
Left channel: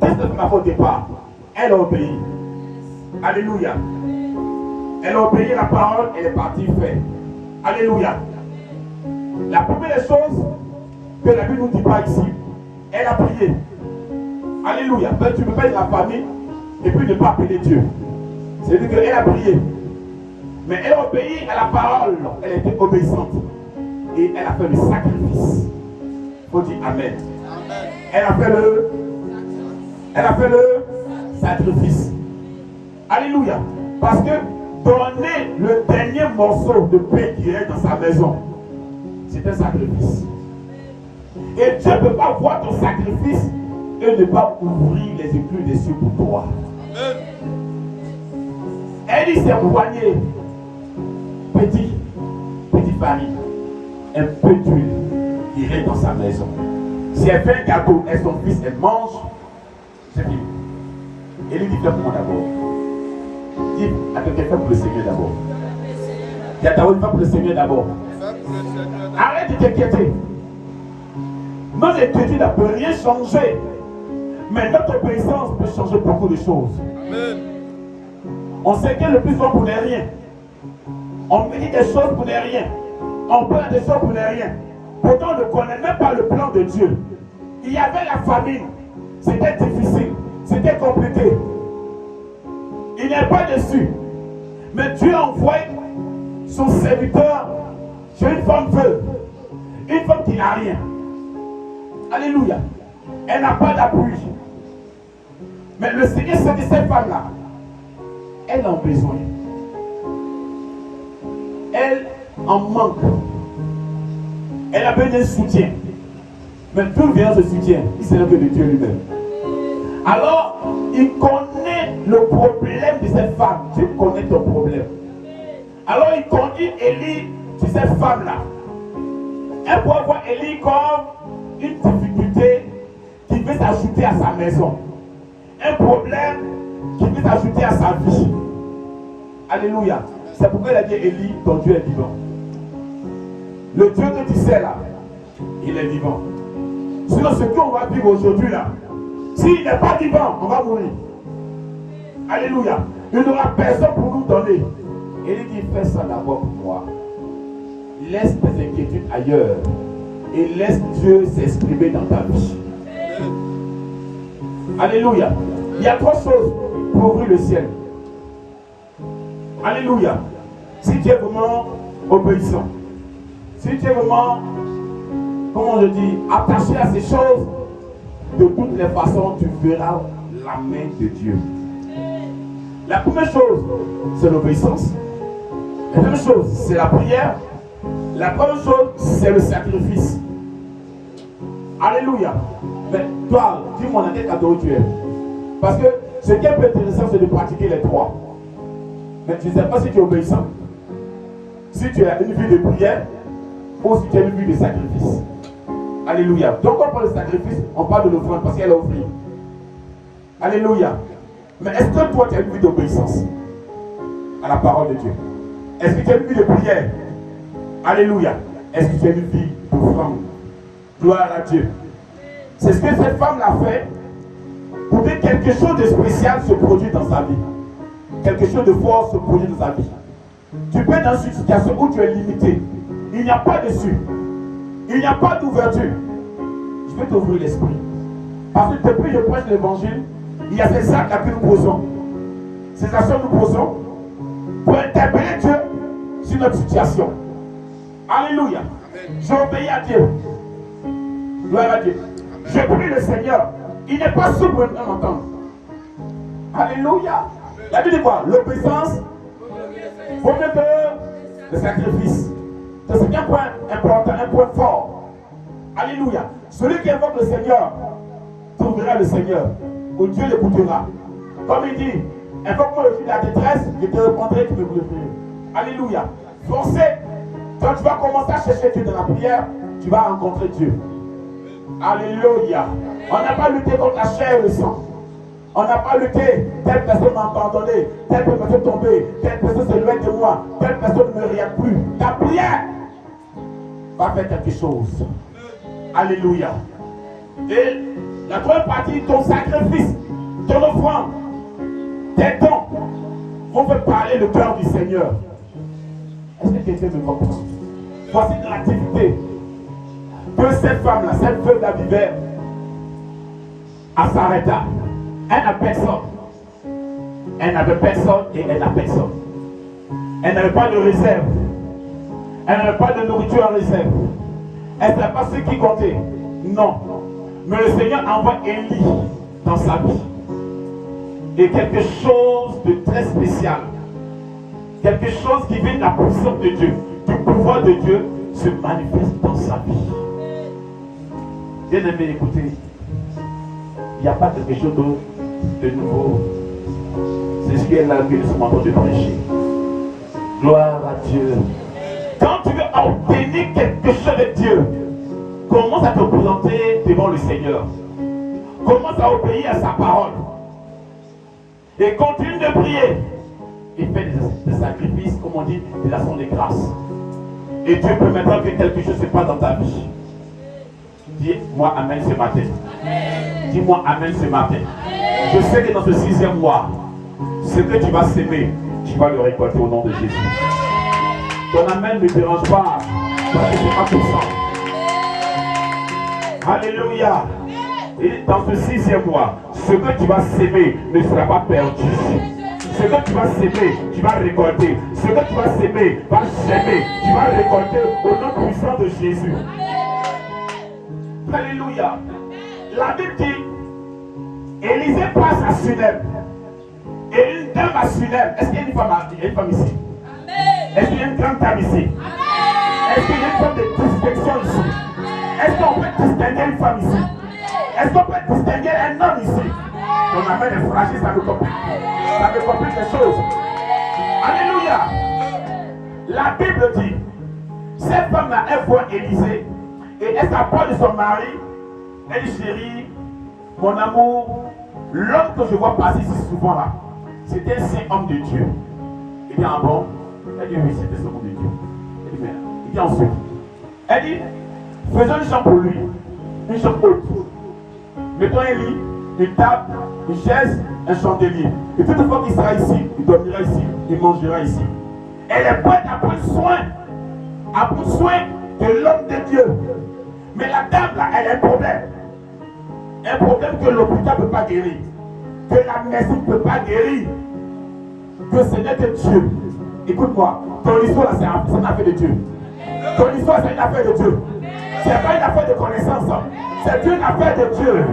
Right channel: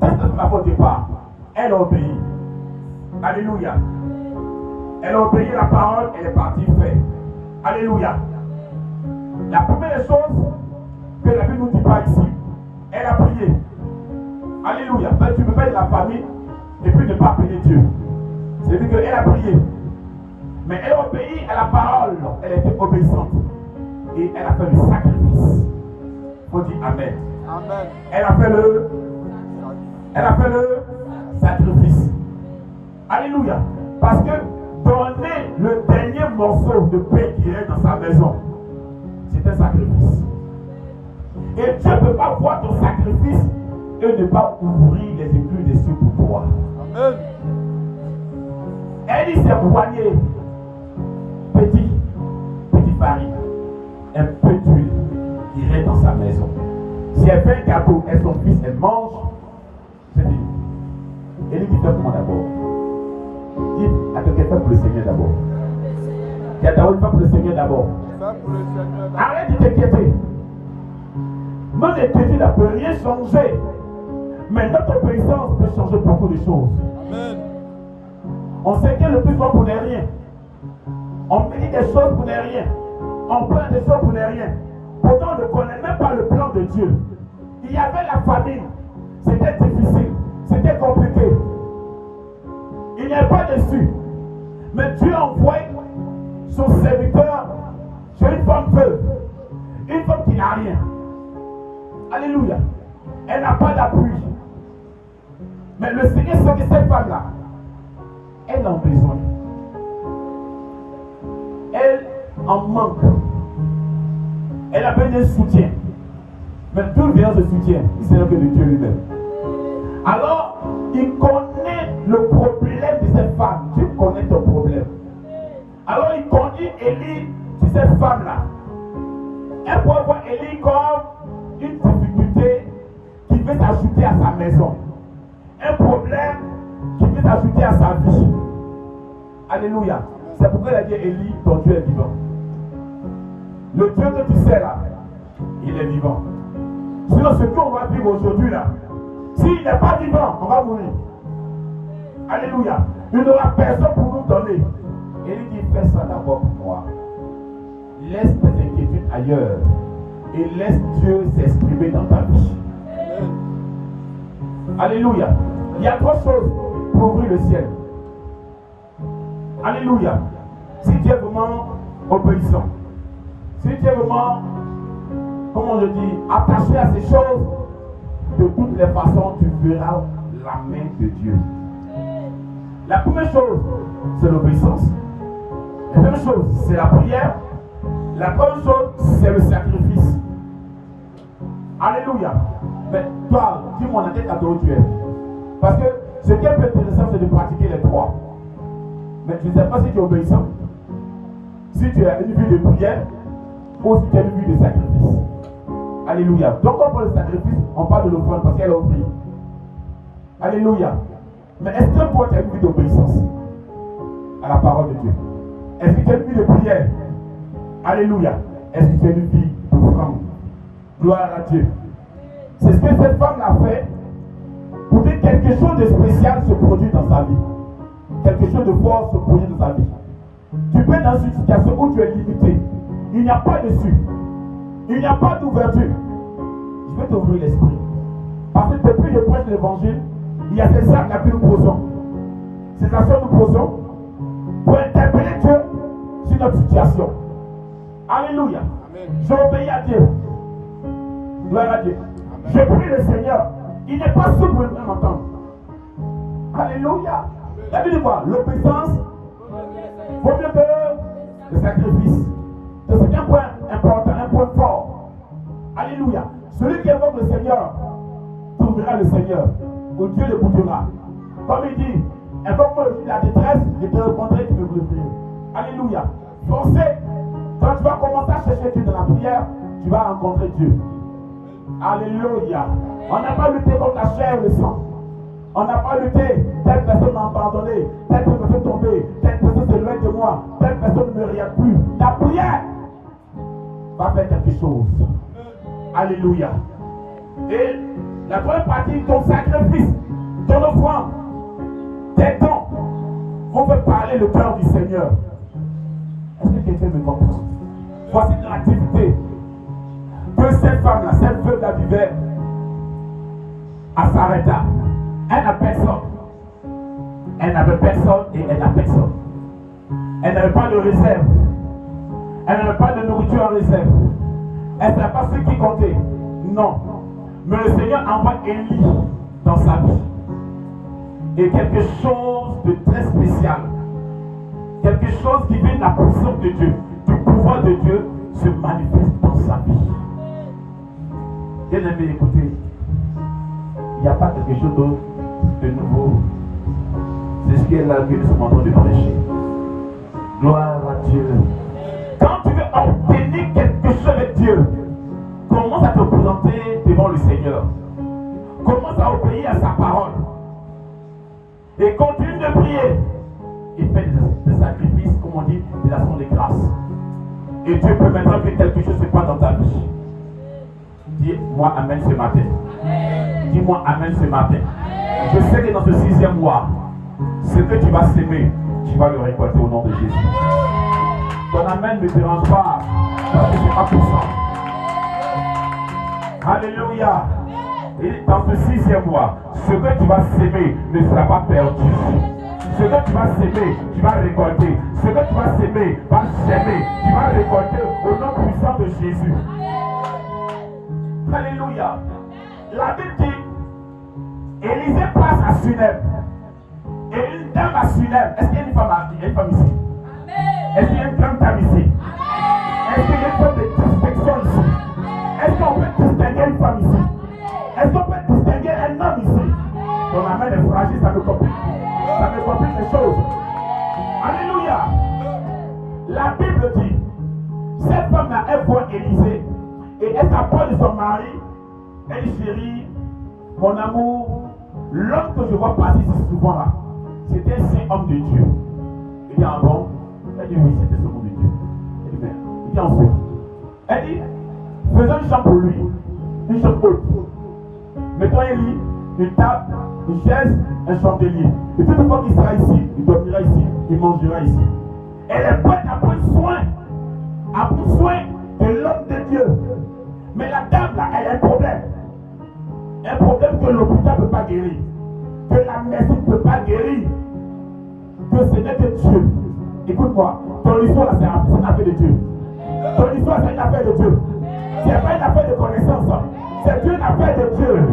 Qu'est-ce que ma foi au départ? Elle a obéi. Alléluia. Elle a obéi la parole, elle est partie faire. Alléluia. La première chose que la Bible ne nous dit pas ici, elle a prié. Alléluia. Mais tu ne peux pas être la famille et puis ne pas appeler Dieu. C'est-à-dire qu'elle a prié. Mais elle a obéi à la parole. Elle était obéissante. Et elle a fait le sacrifice. Il faut dire Amen. Amen. Elle a fait le sacrifice. Alléluia. Parce que donner le dernier morceau de pain qui est dans sa maison, c'est un sacrifice. Et Dieu ne peut pas voir ton sacrifice et ne pas ouvrir les écluses des cieux pour toi. Amen. Elle dit c'est moigné, petit farine, un peu d'huile qui reste dans sa maison. Si elle fait un gâteau et son fils, elle mange, c'est fini. Elle dit fais pour moi d'abord. Dis à quelqu'un fais pour le Seigneur d'abord. Il y a ta fais pour le Seigneur d'abord. Arrête de t'inquiéter. Nos inquiétudes ne peuvent rien changer. Mais notre obéissance peut changer beaucoup de choses. Amen. On s'inquiète le plus souvent pour ne rien. On médite des choses pour ne rien. On plaint des choses pour ne rien. Pourtant, on ne connaît même pas le plan de Dieu. Il y avait la famine. C'était difficile. C'était compliqué. Il n'est pas dessus. Mais Dieu envoie son serviteur chez une femme veuve. Une femme qui n'a rien. Alléluia. Elle n'a pas d'appui. Mais le Seigneur sait que cette femme-là, elle en a besoin. Elle en manque. Elle a besoin d'un soutien. Mais d'où vient ce soutien? Il sait que de Dieu lui-même. Alors, il connaît le problème de cette femme. Dieu connaît ton problème. Alors, il conduit Élie sur cette femme-là. Elle pourrait voir Élie comme une difficulté qui veut s'ajouter à sa maison. Un problème qui veut s'ajouter à sa vie. Alléluia. C'est pourquoi il a dit Élie, ton Dieu est vivant. Le Dieu que tu sais là, il est vivant. Sinon, ce qu'on va vivre aujourd'hui là, s'il n'est pas vivant, on va mourir. Alléluia. Il n'y aura personne pour nous donner. Élie dit, fais ça d'abord pour moi. Laisse tes inquiétudes ailleurs. Et laisse Dieu s'exprimer dans ta vie. Alléluia. Il y a 3 choses pour ouvrir le ciel. Alléluia. Si tu es vraiment obéissant, si tu es vraiment, comment je dis, attaché à ces choses, de toutes les façons, tu verras la main de Dieu. La première chose, c'est l'obéissance. La deuxième chose, c'est la prière. La troisième chose, c'est le sacrifice. Alléluia. Mais toi, dis-moi dans quel cadeau tu es. Parce que ce qui est plus intéressant, c'est de pratiquer les 3. Mais tu ne sais pas si tu es obéissant, si tu as une vie de prière, ou si tu as une vie de sacrifice. Alléluia. Donc quand on parle de sacrifice, on parle de l'offrande parce qu'elle a offert. Alléluia. Mais est-ce que toi tu as une vie d'obéissance à la parole de Dieu? Est-ce que tu as une vie de prière? Alléluia. Est-ce que tu as une vie d'offrande? Gloire à Dieu. C'est ce que cette femme l'a fait pour que quelque chose de spécial se produise dans sa vie. Quelque chose de fort se produise dans sa vie. Tu peux être dans une situation où tu es limité. Il n'y a pas de dessus. Il n'y a pas d'ouverture. Je vais t'ouvrir l'esprit. Parce que depuis que je prêche l'évangile, il y a ces actes que nous posons. Ces actions que nous posons pour interpeller Dieu sur notre situation. Alléluia. J'obéis à Dieu. Gloire à Dieu. Je prie le Seigneur. Il n'est pas souple pour m'entendre. Alléluia. La Bible dit quoi? L'obéissance vaut mieux que le sacrifice. C'est un point important, un point fort. Alléluia. Celui qui invoque le Seigneur trouvera le Seigneur. Où Dieu l'écoutera. Comme il dit, invoque-moi le jour de la détresse, je te répondrai, tu me glorifieras. Alléluia. Forcez. Quand tu vas commencer à chercher Dieu dans la prière, tu vas rencontrer Dieu. Alléluia. On n'a pas lutté contre la chair et le sang. On n'a pas lutté. Telle personne m'a abandonné. Telle personne est tombée. Telle personne s'éloigne de moi. Telle personne ne me regarde plus. Ta prière va faire quelque chose. Alléluia. Et la troisième partie, ton sacrifice, ton offrande, tes dons vont faire parler le cœur du Seigneur. Est-ce que quelqu'un me comprend? Voici l'activité que cette femme-là, cette veuve-là vivait à Sarepta. Elle n'a personne. Elle n'avait personne et elle n'a personne. Elle n'avait pas de réserve. Elle n'avait pas de nourriture en réserve. Elle ne savait pas ce qui comptait. Non. Mais le Seigneur envoie Élie dans sa vie. Et quelque chose de très spécial. Quelque chose qui vient de la puissance de Dieu, du pouvoir de Dieu, se manifeste dans sa vie. Bien aimé, écoutez, il n'y a pas quelque chose de nouveau. C'est ce qu'elle a vu de ce moment de prêcher. Gloire à Dieu. Quand tu veux obtenir quelque chose de Dieu, commence à te présenter devant le Seigneur. Commence à obéir à sa parole. Et continue de prier. Et fais des sacrifices, comme on dit, de l'action de grâce. Et Dieu peut maintenant que quelque chose se passe dans ta vie. Dis-moi Amen ce matin. Dis-moi Amen ce matin. Je sais que dans ce 6e mois, ce que tu vas s'aimer, tu vas le récolter au nom de Jésus. Ton Amen ne te dérange pas, parce que ce n'est pas pour ça. Alléluia. Et dans ce 6e mois, ce que tu vas s'aimer ne sera pas perdu. Ce que tu vas s'aimer, tu vas récolter. Ce que tu vas s'aimer, va s'aimer. Tu vas récolter au nom puissant de Jésus. Alléluia. La Bible dit, Élisée passe à Sunem. Et une dame à Sunem. Est-ce qu'il y a une femme ici? Est-ce qu'il y a une grande dame ici? Est-ce qu'il y a une forme de distinction ici? Est-ce qu'on peut distinguer une femme ici? Est-ce qu'on peut distinguer un homme ici? Ton amen est fragile, ça me complique. Ça me complique les choses. Alléluia. La Bible dit, cette femme-là, elle voit Élisée et elle s'approche de son mari. Elle dit, chérie, mon amour, l'homme que je vois passer ici souvent là, c'était un saint homme de Dieu. Il dit, ah bon? Elle dit, oui, c'était un homme de Dieu. Elle dit, mais, il dit ensuite. Elle dit, faisons une chambre pour lui, une chambre haute. Mettons un lit, une table, une chaise, un chandelier. Et toute fois qu'il sera ici, il dormira ici, il mangera ici. Elle est prête à prendre soin de l'homme de Dieu. Mais la dame là, elle a un problème. Un problème que l'hôpital ne peut pas guérir. Que la médecine ne peut pas guérir. Que ce n'est que Dieu. Écoute-moi, ton histoire là, c'est une affaire de Dieu. Ton histoire, c'est une affaire de Dieu. C'est pas une affaire de connaissance. C'est une affaire de Dieu.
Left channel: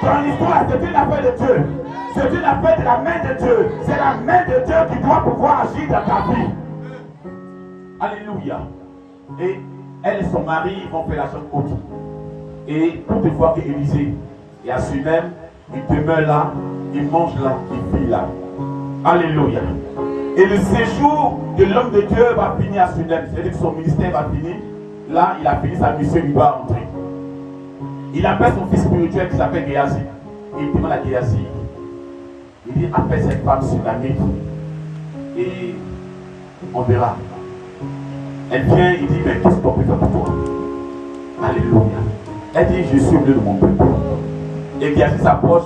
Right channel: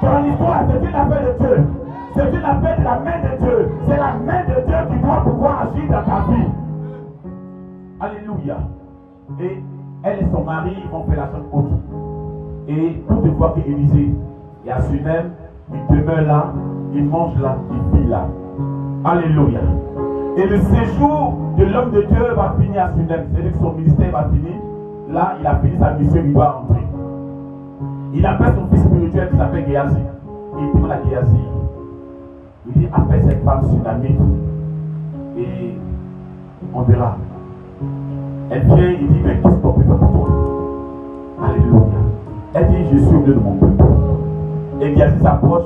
Ton histoire, c'est une affaire de Dieu. C'est une affaire de la main de Dieu. C'est la main de Dieu qui doit pouvoir agir dans ta vie. Alléluia. Et elle et son mari vont faire la chambre haute. Et toute fois qu'Élisée est à Sunem, il demeure là, il mange là, il vit là. Alléluia. Et le séjour de l'homme de Dieu va finir à Sunem. C'est-à-dire que son ministère va finir. Là, il a fini sa mission, il va entrer. Il appelle son fils spirituel qui s'appelle Géasi. Et il demande à Géasi. Il dit, appelle cette femme sunamite. Et on verra. Elle vient, il dit, mais qu'est-ce qu'on peut faire pour toi? Alléluia. Elle dit, je suis au milieu de mon peuple. Et Géasi s'approche.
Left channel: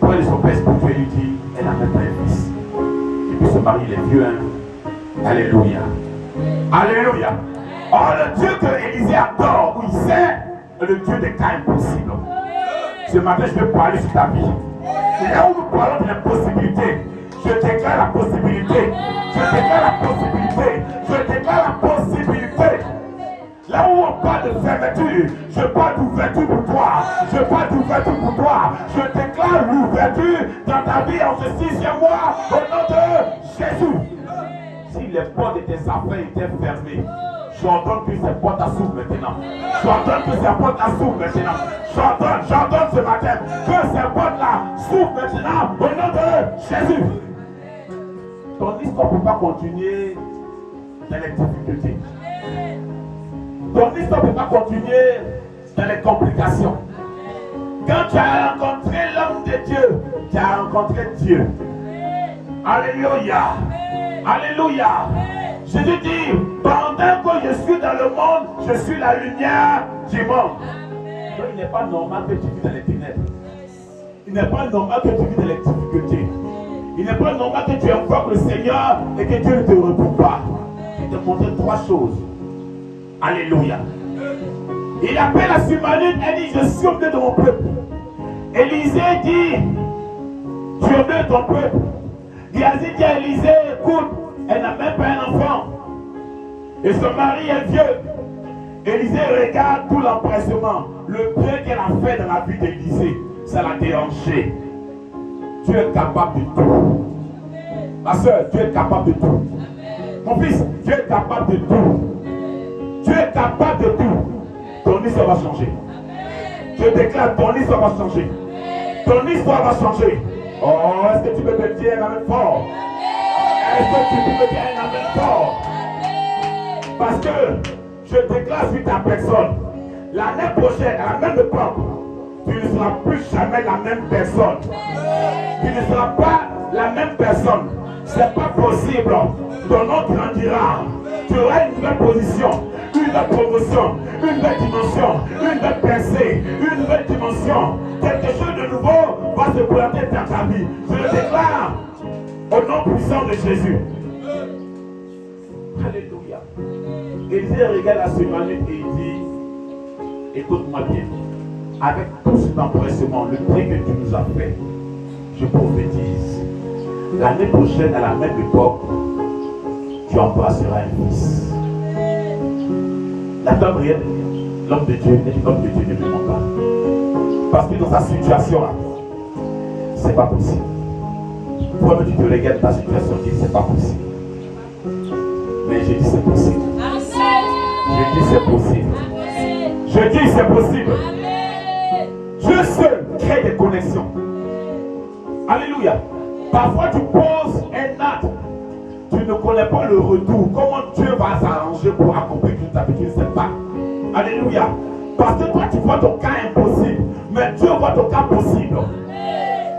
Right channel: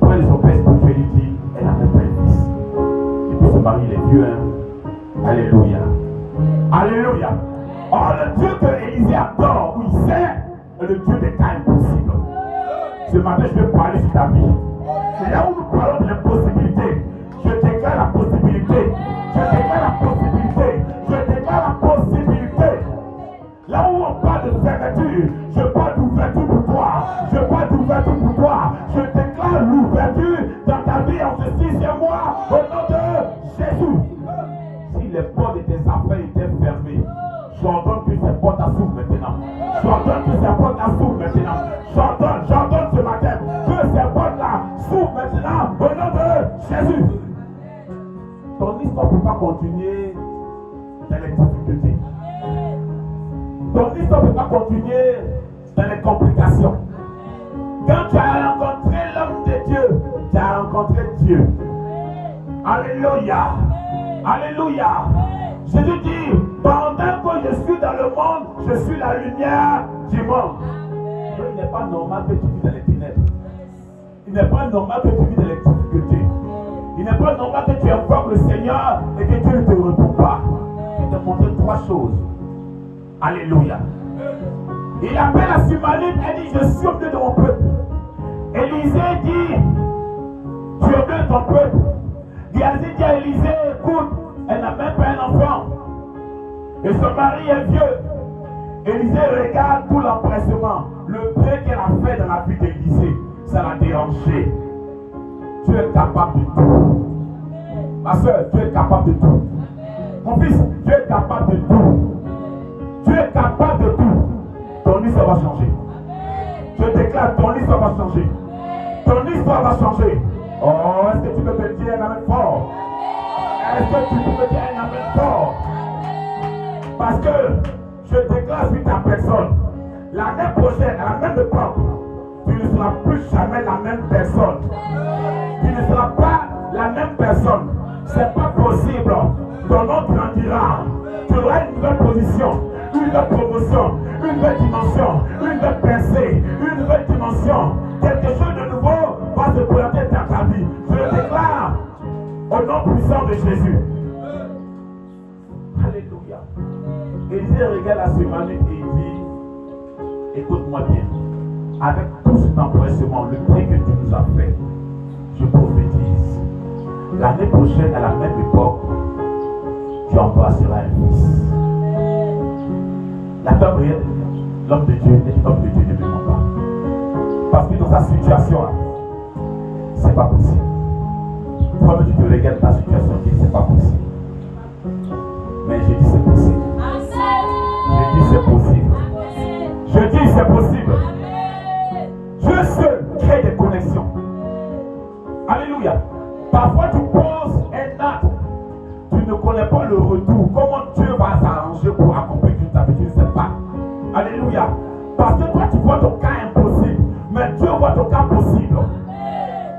Près de son père spirituel, il dit, elle a même pas un fils. Et puis ce mari, il est vieux. Hein? Alléluia. Alléluia. Oh, le Dieu que Élisée adore, où il sait, est le Dieu des cas impossibles. Ce matin, je vais parler sur ta vie. C'est là où nous parlons de l'impossibilité. Je déclare la possibilité. Je déclare la possibilité. Je déclare la possibilité. Là où on parle de fermeture, je parle d'ouverture pour toi. Je parle d'ouverture pour toi. Je déclare l'ouverture dans ta vie en ce 6e mois au nom de Jésus. Si les portes de tes affaires étaient fermées, j'ordonne que ces portes s'ouvrent maintenant. J'ordonne que ces portes s'ouvrent maintenant. J'ordonne ce matin que ces portes-là s'ouvrent maintenant au nom de Jésus. Ton histoire ne peut pas continuer dans les difficultés. Ton histoire ne peut pas continuer dans les complications. Quand tu as rencontré l'homme de Dieu, tu as rencontré Dieu. Alléluia. Alléluia. Jésus dit, pendant que je suis dans le monde, je suis la lumière du monde. Donc, il n'est pas normal que tu vis dans les ténèbres. Il n'est pas normal que tu vis dans les difficultés. Il n'est pas normal que tu invoques le Seigneur et que Dieu ne te répond pas. Il t'a montré trois choses. Alléluia. Il appelle à Sumanite et dit, je suis au milieu de mon peuple. Élisée dit, tu es au milieu de ton peuple. Géasi dit à Élisée, écoute, elle n'a même pas un enfant. Et son mari est vieux. Élisée regarde tout l'empressement. Le bien qu'elle a fait dans la vie d'Élisée, ça l'a dérangé. Tu es capable de tout. Ma soeur, tu es capable de tout. Mon fils, tu es capable de tout. Tu es capable de tout. Ton histoire va changer. Je déclare, ton histoire va changer. Ton histoire va changer. Oh, est-ce que tu peux te dire un amen fort? Est-ce que tu peux dire un amen fort? Parce que je déclare sur ta personne, l'année prochaine, à la même époque, tu ne seras plus jamais la même personne. Tu ne seras pas la même personne. C'est pas possible. Ton nom grandira. Tu auras une nouvelle position, une nouvelle promotion, une nouvelle dimension, une nouvelle percée, une nouvelle dimension. Quelque chose de nouveau va se planter dans ta vie. Je le déclare au nom puissant de Jésus. Alléluia. Élisée regarde la semaine et il dit, écoute-moi bien, avec tout cet empressement, le prix que tu nous as fait, je prophétise, l'année prochaine, à la même époque, tu embrasseras un fils. La femme réelle, l'homme de Dieu ne ment pas. Parce que dans sa situation, c'est pas possible. Toi, tu te regardes ta situation, tu dis c'est pas possible. Mais je dis c'est possible. Je dis c'est possible. Je dis c'est possible. Dieu seul crée des connexions. Alléluia. Parfois tu poses un acte. Tu ne connais pas le retour. Comment Dieu va s'arranger pour accomplir toute ta vie, tu ne sais pas. Alléluia. Parce que toi tu vois ton cas impossible. Mais Dieu voit ton cas possible.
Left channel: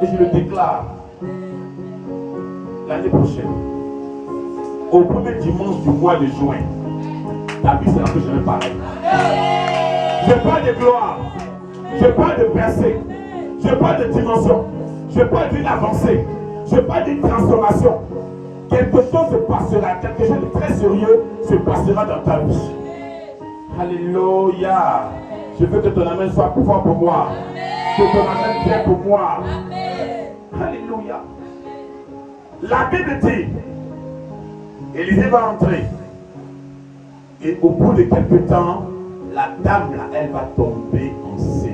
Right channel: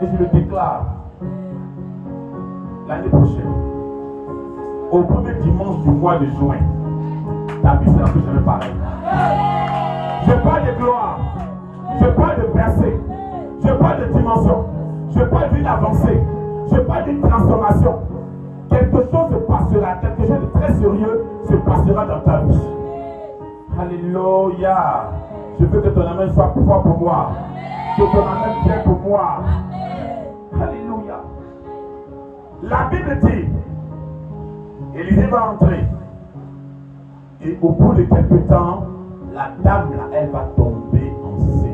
Et je le déclare. L'année prochaine, au premier dimanche du mois de juin, ta vie sera plus jamais pareille. Je parle de gloire. Je parle de percée. Je parle de dimension. Je parle d'une avancée. Je parle d'une transformation. Quelque chose se passera. Quelque chose de très sérieux se passera dans ta vie. Alléluia. Je veux que ton amen soit fort pour moi. Que ton amen vienne pour moi. Alléluia. La Bible dit, Élisée va entrer. Et au bout de quelques temps, la dame là, elle va tomber enceinte.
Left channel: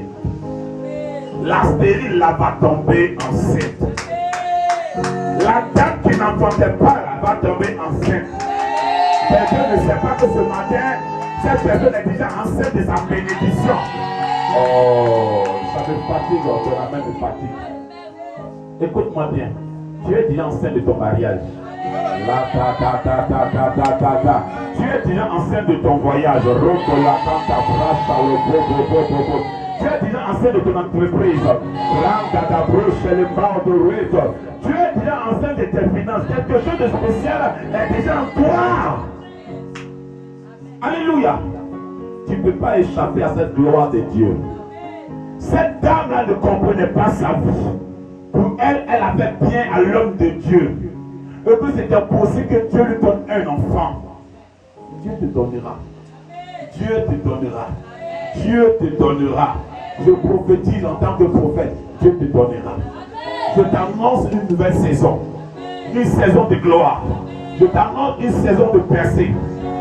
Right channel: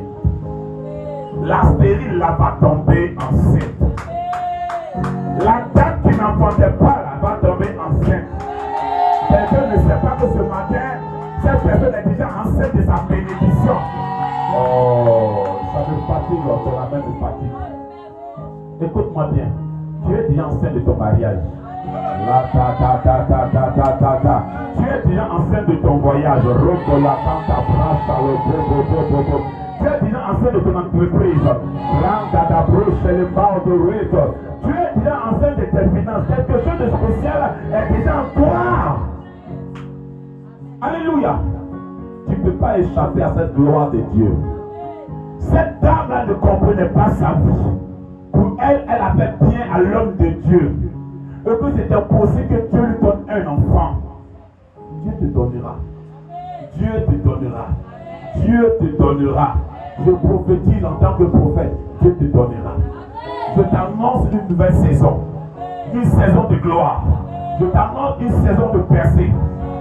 La stérile là va tomber enceinte. La dame qui n'enfantait pas là va tomber enceinte. Quelqu'un ne sait pas que ce matin, cette personne est déjà enceinte de sa bénédiction. Oh, ça me fatigue, ton amen me fatigue. Écoute-moi bien, tu es déjà enceinte de ton mariage. Tu es déjà enceinte de ton voyage. Tu es déjà enceinte de ton entreprise. Tu es déjà enceinte de tes finances. Quelque chose de spécial est déjà en toi. Alléluia. Tu ne peux pas échapper à cette gloire de Dieu. Cette dame-là ne comprenait pas sa vie. Pour elle, elle avait bien à l'homme de Dieu. Et que c'était possible que Dieu lui donne un enfant. Dieu te donnera. Dieu te donnera. Dieu te donnera. Je prophétise en tant que prophète. Dieu te donnera. Je t'annonce une nouvelle saison. Une saison de gloire. Je t'annonce une saison de percée.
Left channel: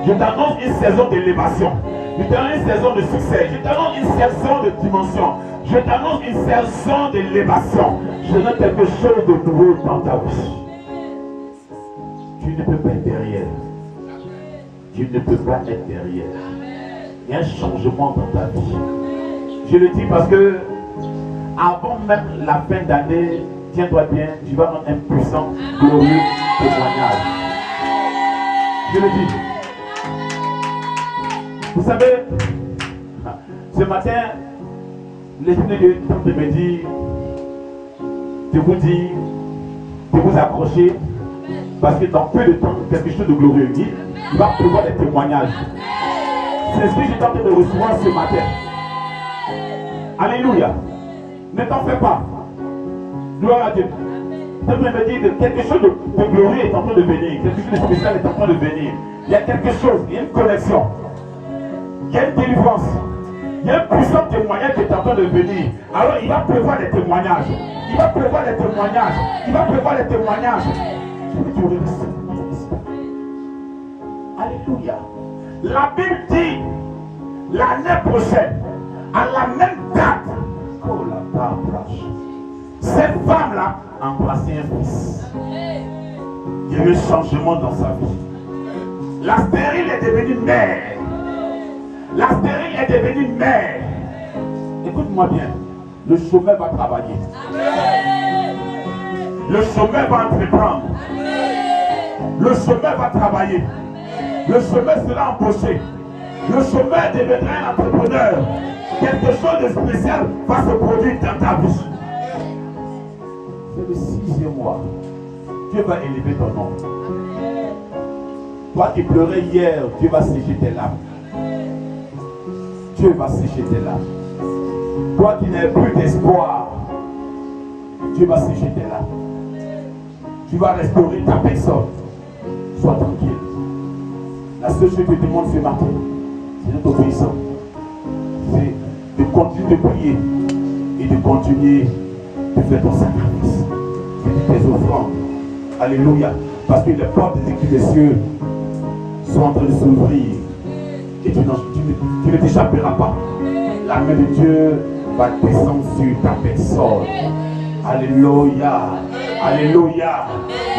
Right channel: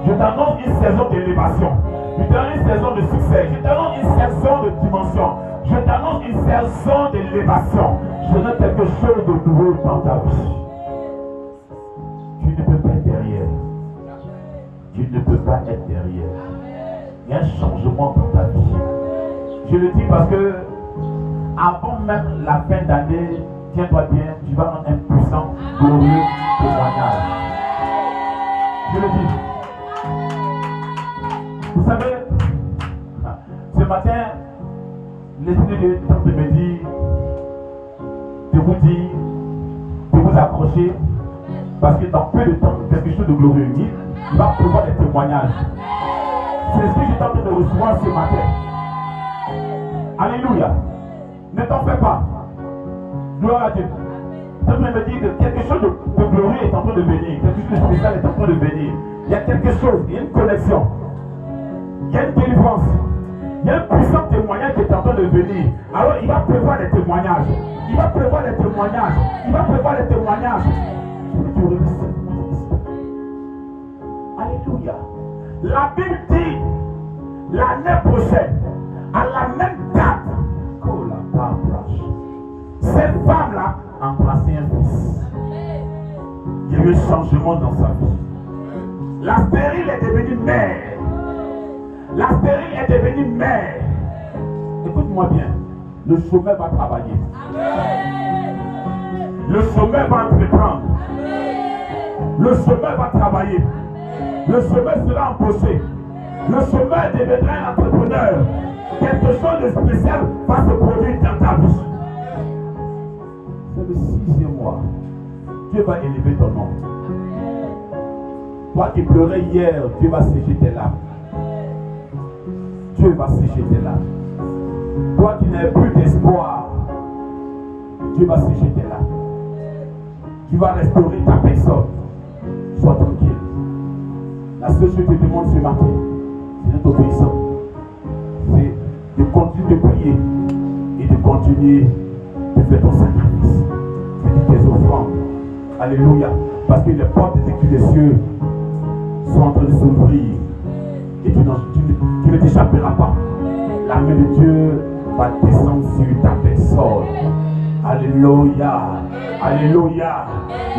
Je t'annonce une saison d'élévation. Je t'annonce une saison de succès. Je t'annonce une saison de dimension. Je t'annonce une saison d'élévation. Je donne quelque chose de nouveau dans ta vie. Tu ne peux pas être derrière. Tu ne peux pas être derrière. Il y a un changement dans ta vie. Je le dis parce que avant même la fin d'année, tiens-toi bien, tu vas rendre un puissant, glorieux témoignage. Je le dis. Vous savez, Ce matin, l'Esprit de Dieu est en train de me dire, de vous accrocher, parce que dans peu de temps, quelque chose de glorieux, il va prévoir des témoignages. C'est ce que j'étais en train de recevoir ce matin. Alléluia. Ne t'en fais pas. Gloire à Dieu. Je me dire que quelque chose de glorieux est en train de venir. Quelque chose de spécial est en train de venir. Il y a quelque chose, il y a une connexion. Il y a une délivrance. Il y a un puissant témoignage qui est en train de venir. Alors il va prévoir des témoignages. Il va prévoir des témoignages. Il va prévoir des témoignages. Alléluia. La Bible dit l'année prochaine, à la même date, cette femme-là a embrassé un fils. Il y a eu un changement dans sa vie. La stérile est devenue mère. La stérile est devenue mère. Écoute-moi bien. Le chômeur va travailler. Le chômeur va entreprendre. Le chômeur va travailler. Le chômeur sera embauché. Le chômeur deviendra un entrepreneur. Quelque chose de spécial va se produire dans ta bouche. C'est le 6e mois. Dieu va élever ton nom. Toi qui pleurais hier, Dieu va sécher tes larmes. Dieu va sécher tes larmes. Toi qui n'avais plus d'espoir, Dieu va sécher tes larmes. Tu vas restaurer ta personne. Sois tranquille. La seule chose que je te demande ce matin, c'est d'être obéissant. C'est de continuer de prier et de continuer de faire ton sacrifice. Et de tes offrandes. Alléluia. Parce que les portes des cieux sont en train de s'ouvrir. Et tu ne t'échapperas pas. La main de Dieu va descendre sur ta personne. Alléluia. Alléluia.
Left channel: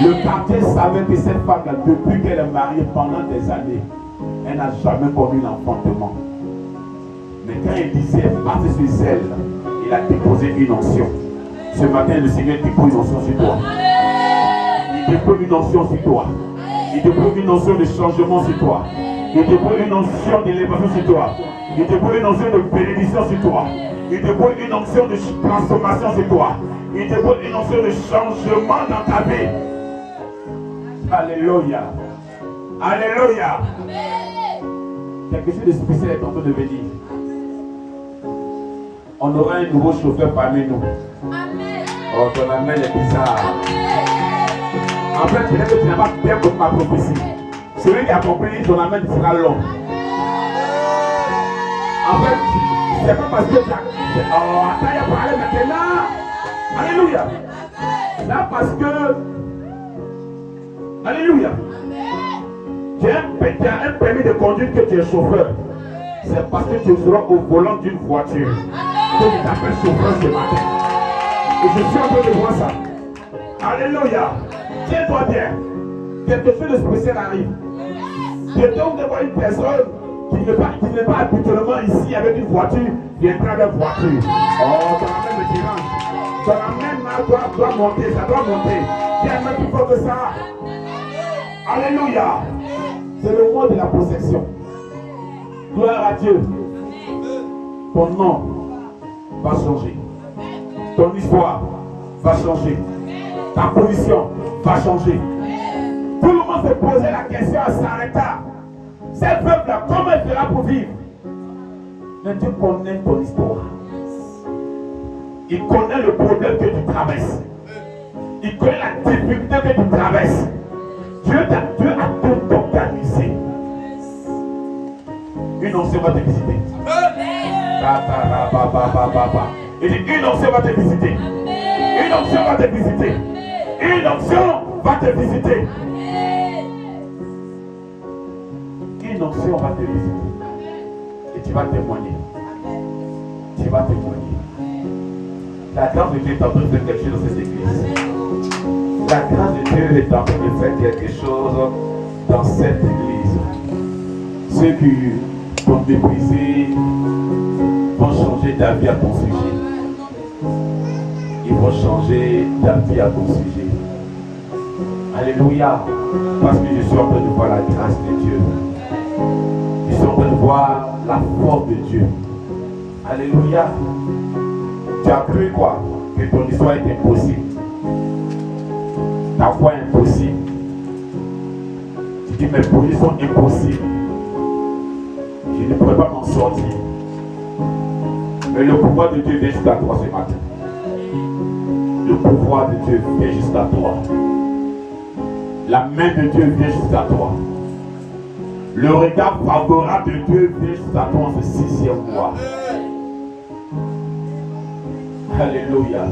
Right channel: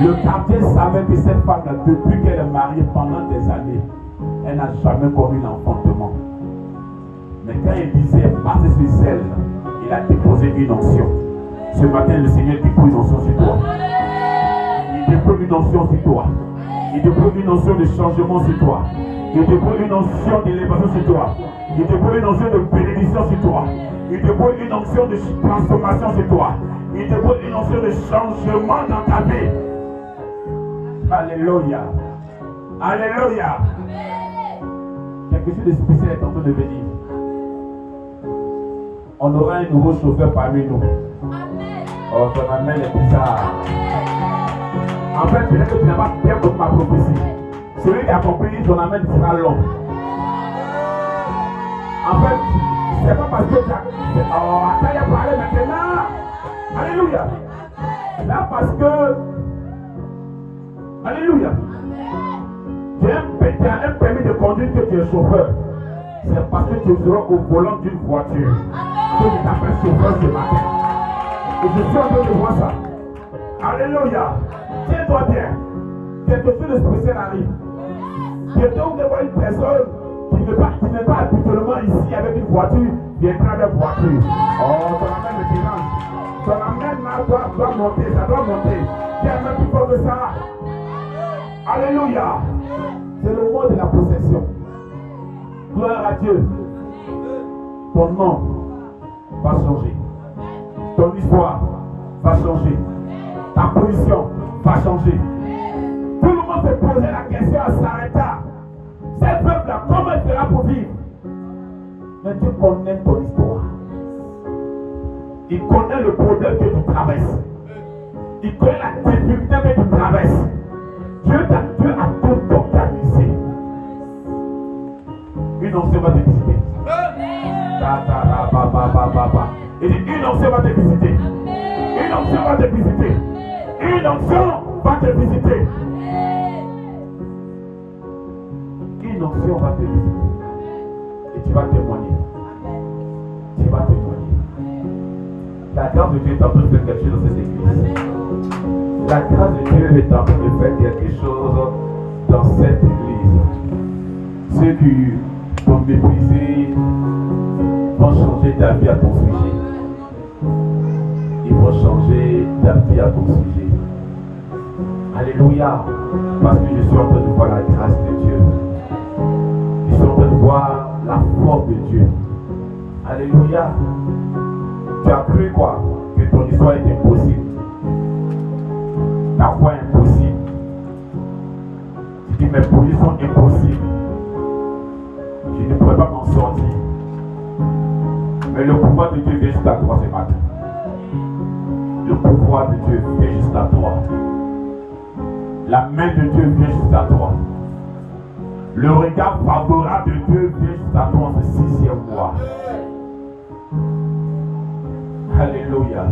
Le quartier savait que cette femme-là, depuis qu'elle est mariée pendant des années, elle n'a jamais commis l'enfantement. Mais quand il disait, partez sur elle, il a déposé une onction. Ce matin, le Seigneur dépose une onction sur toi. Il dépose une onction sur toi. Il dépose une onction de changement sur toi. Il dépose une onction d'élévation sur toi. Il dépose une onction de bénédiction sur toi. Il dépose une onction de transformation sur toi. Il dépose une onction de changement dans ta vie. Alléluia. Alléluia. Quelque chose de spécial est en train de venir. On aura un nouveau chauffeur parmi nous. Oh, ton amen est bizarre. En fait, peut-être que tu n'as pas bien compris ma prophétie. Celui qui a compris, ton amen sera long. En fait, c'est pas parce que tu as... Oh, attends, il a parlé maintenant. Alléluia. Là, parce que... Alléluia. Tu as un permis de conduire que tu es chauffeur. C'est parce que tu seras au volant d'une voiture. Que tu t'appelles chauffeur ce matin. Et je suis en train de voir ça. Alléluia. Tiens-toi bien. Quelque chose de spécial arrive. Je tombe devant une personne qui n'est pas habituellement ici avec une voiture, viendra avec voiture. Oh, ton amène me dérange. Ton amène doit monter, ça doit monter. Tiens, même plus fort que ça. Alléluia. C'est le mois de la possession. Gloire à Dieu. Ton nom va changer. Ton histoire va changer. Ta position va changer. Tout le monde se posait la question, elle s'arrêta. Cette veuve-là, comment elle fera pour vivre? Mais Dieu connaît ton histoire. Il connaît le problème que tu traverses. Il connaît la difficulté que tu traverses. Dieu a tout organisé. Une onction va te visiter. Il dit, une onction va te visiter. Une onction va te visiter. Une onction va te visiter. Une onction va te visiter. Et tu vas témoigner. Tu vas témoigner. La grâce de Dieu est en train de faire quelque chose dans cette église. La grâce de Dieu est en train de faire quelque chose dans cette église. Ceux qui t'ont méprisé vont changer ta vie à ton sujet. Ils vont changer ta vie à ton sujet. Alléluia. Parce que je suis en train de voir la grâce de Dieu. Je suis en train de voir la force de Dieu. Alléluia. Tu as cru quoi? Que ton histoire est impossible. Ta foi est impossible. Tu dis mes projets sont impossibles. Je ne pourrais pas m'en sortir. Mais le pouvoir de Dieu vient jusqu'à toi ce matin. Le pouvoir de Dieu vient jusqu'à toi. La main de Dieu vient jusqu'à toi. Le regard favorable de Dieu vient jusqu'à toi en ce 6e mois. Alléluia.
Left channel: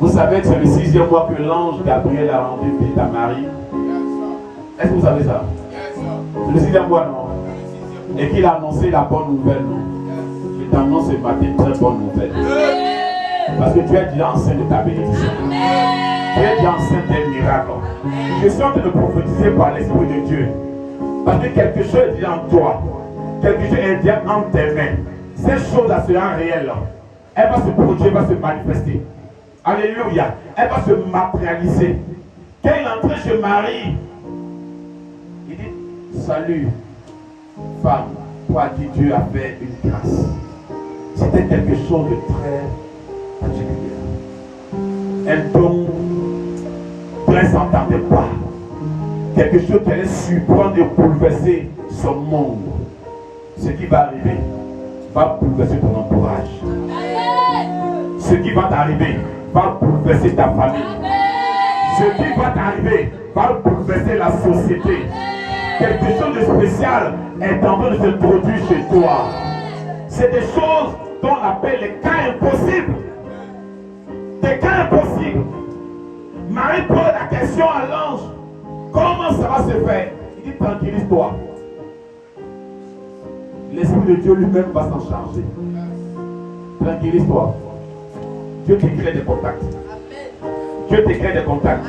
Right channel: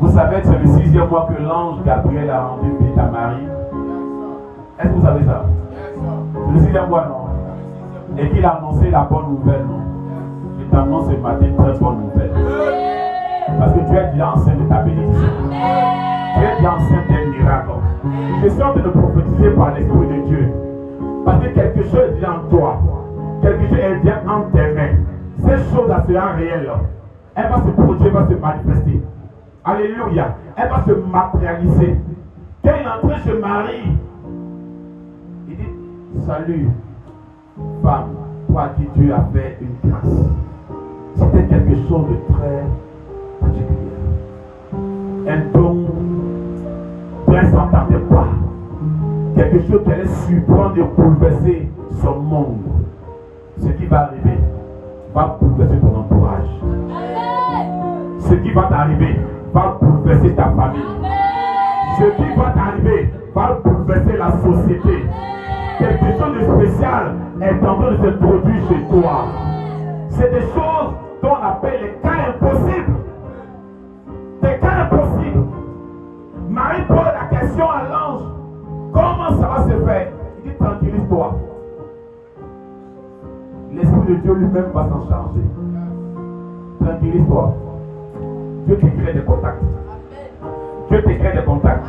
Vous savez que c'est le 6e mois que l'ange Gabriel a rendu visite à Marie. Est-ce que vous savez ça? C'est le 6e mois, non? Et qu'il a annoncé la bonne nouvelle, non? Je t'annonce ce matin une très bonne nouvelle. Parce que tu es déjà enceinte de ta bénédiction. Tu es déjà enceinte des miracles. Je suis en train de prophétiser par l'Esprit de Dieu. Parce que quelque chose est déjà en toi. Quelque chose est déjà en tes mains. Cette chose-là sera réelle. Elle va se produire, elle va se manifester. Alléluia. Elle va se matérialiser. Quand il est entré chez Marie, il dit, salut, femme, toi qui Dieu a fait une grâce. C'était quelque chose de très particulier. Un don dont elle ne s'entendait pas. Quelque chose qui allait surprendre et bouleverser son monde. Ce qui va arriver va bouleverser ton entourage. Ce qui va t'arriver va bouleverser ta famille. Ce qui va t'arriver va bouleverser la société. Quelque chose de spécial est en train de se produire chez toi. C'est des choses dont on appelle les cas impossibles. Des cas impossibles. Marie pose la question à l'ange. Comment ça va se faire? Il dit, tranquillise-toi. L'Esprit de Dieu lui-même va s'en charger. Tranquillise-toi. Dieu te crée des contacts. Dieu te crée des contacts.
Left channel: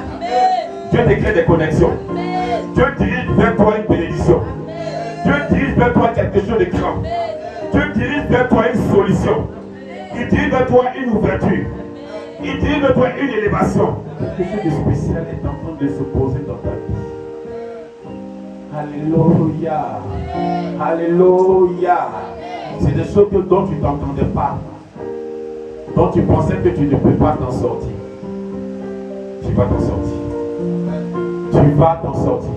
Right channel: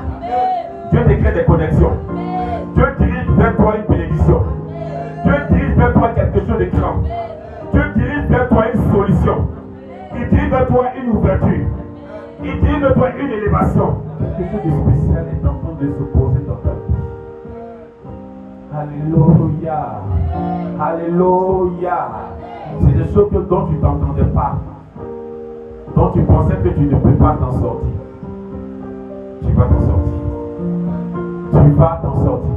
Dieu te crée des connexions. Dieu dirige vers toi une bénédiction. Dieu dirige vers toi quelque chose de grand. Dieu dirige vers toi une solution. Il dirige vers toi une ouverture. Il dirige vers toi une élévation. Quelque chose de spécial est en train de se poser dans ta vie. Alléluia. Alléluia. C'est des choses dont tu ne t'entendais pas. Dont tu pensais que tu ne peux pas t'en sortir. Tu vas t'en sortir. Tu vas t'en sortir.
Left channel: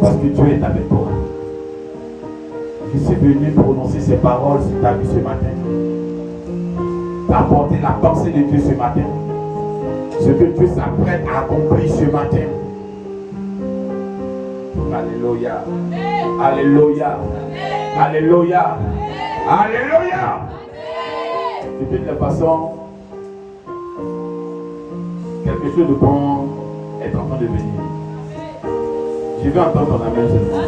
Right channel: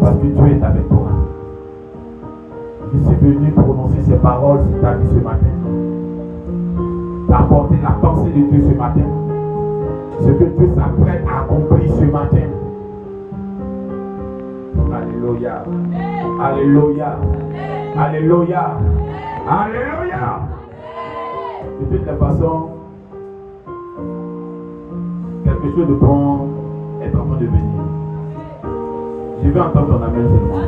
Parce que Dieu est avec toi. Je suis venu prononcer ces paroles sur ta vie ce matin. Apporter la pensée de Dieu ce matin. Ce que Dieu s'apprête à accomplir ce matin. Alléluia. Alléluia. Alléluia. Alléluia. De toute façon, quelque chose de bon est en train de venir. Je vais entendre ton amen seulement.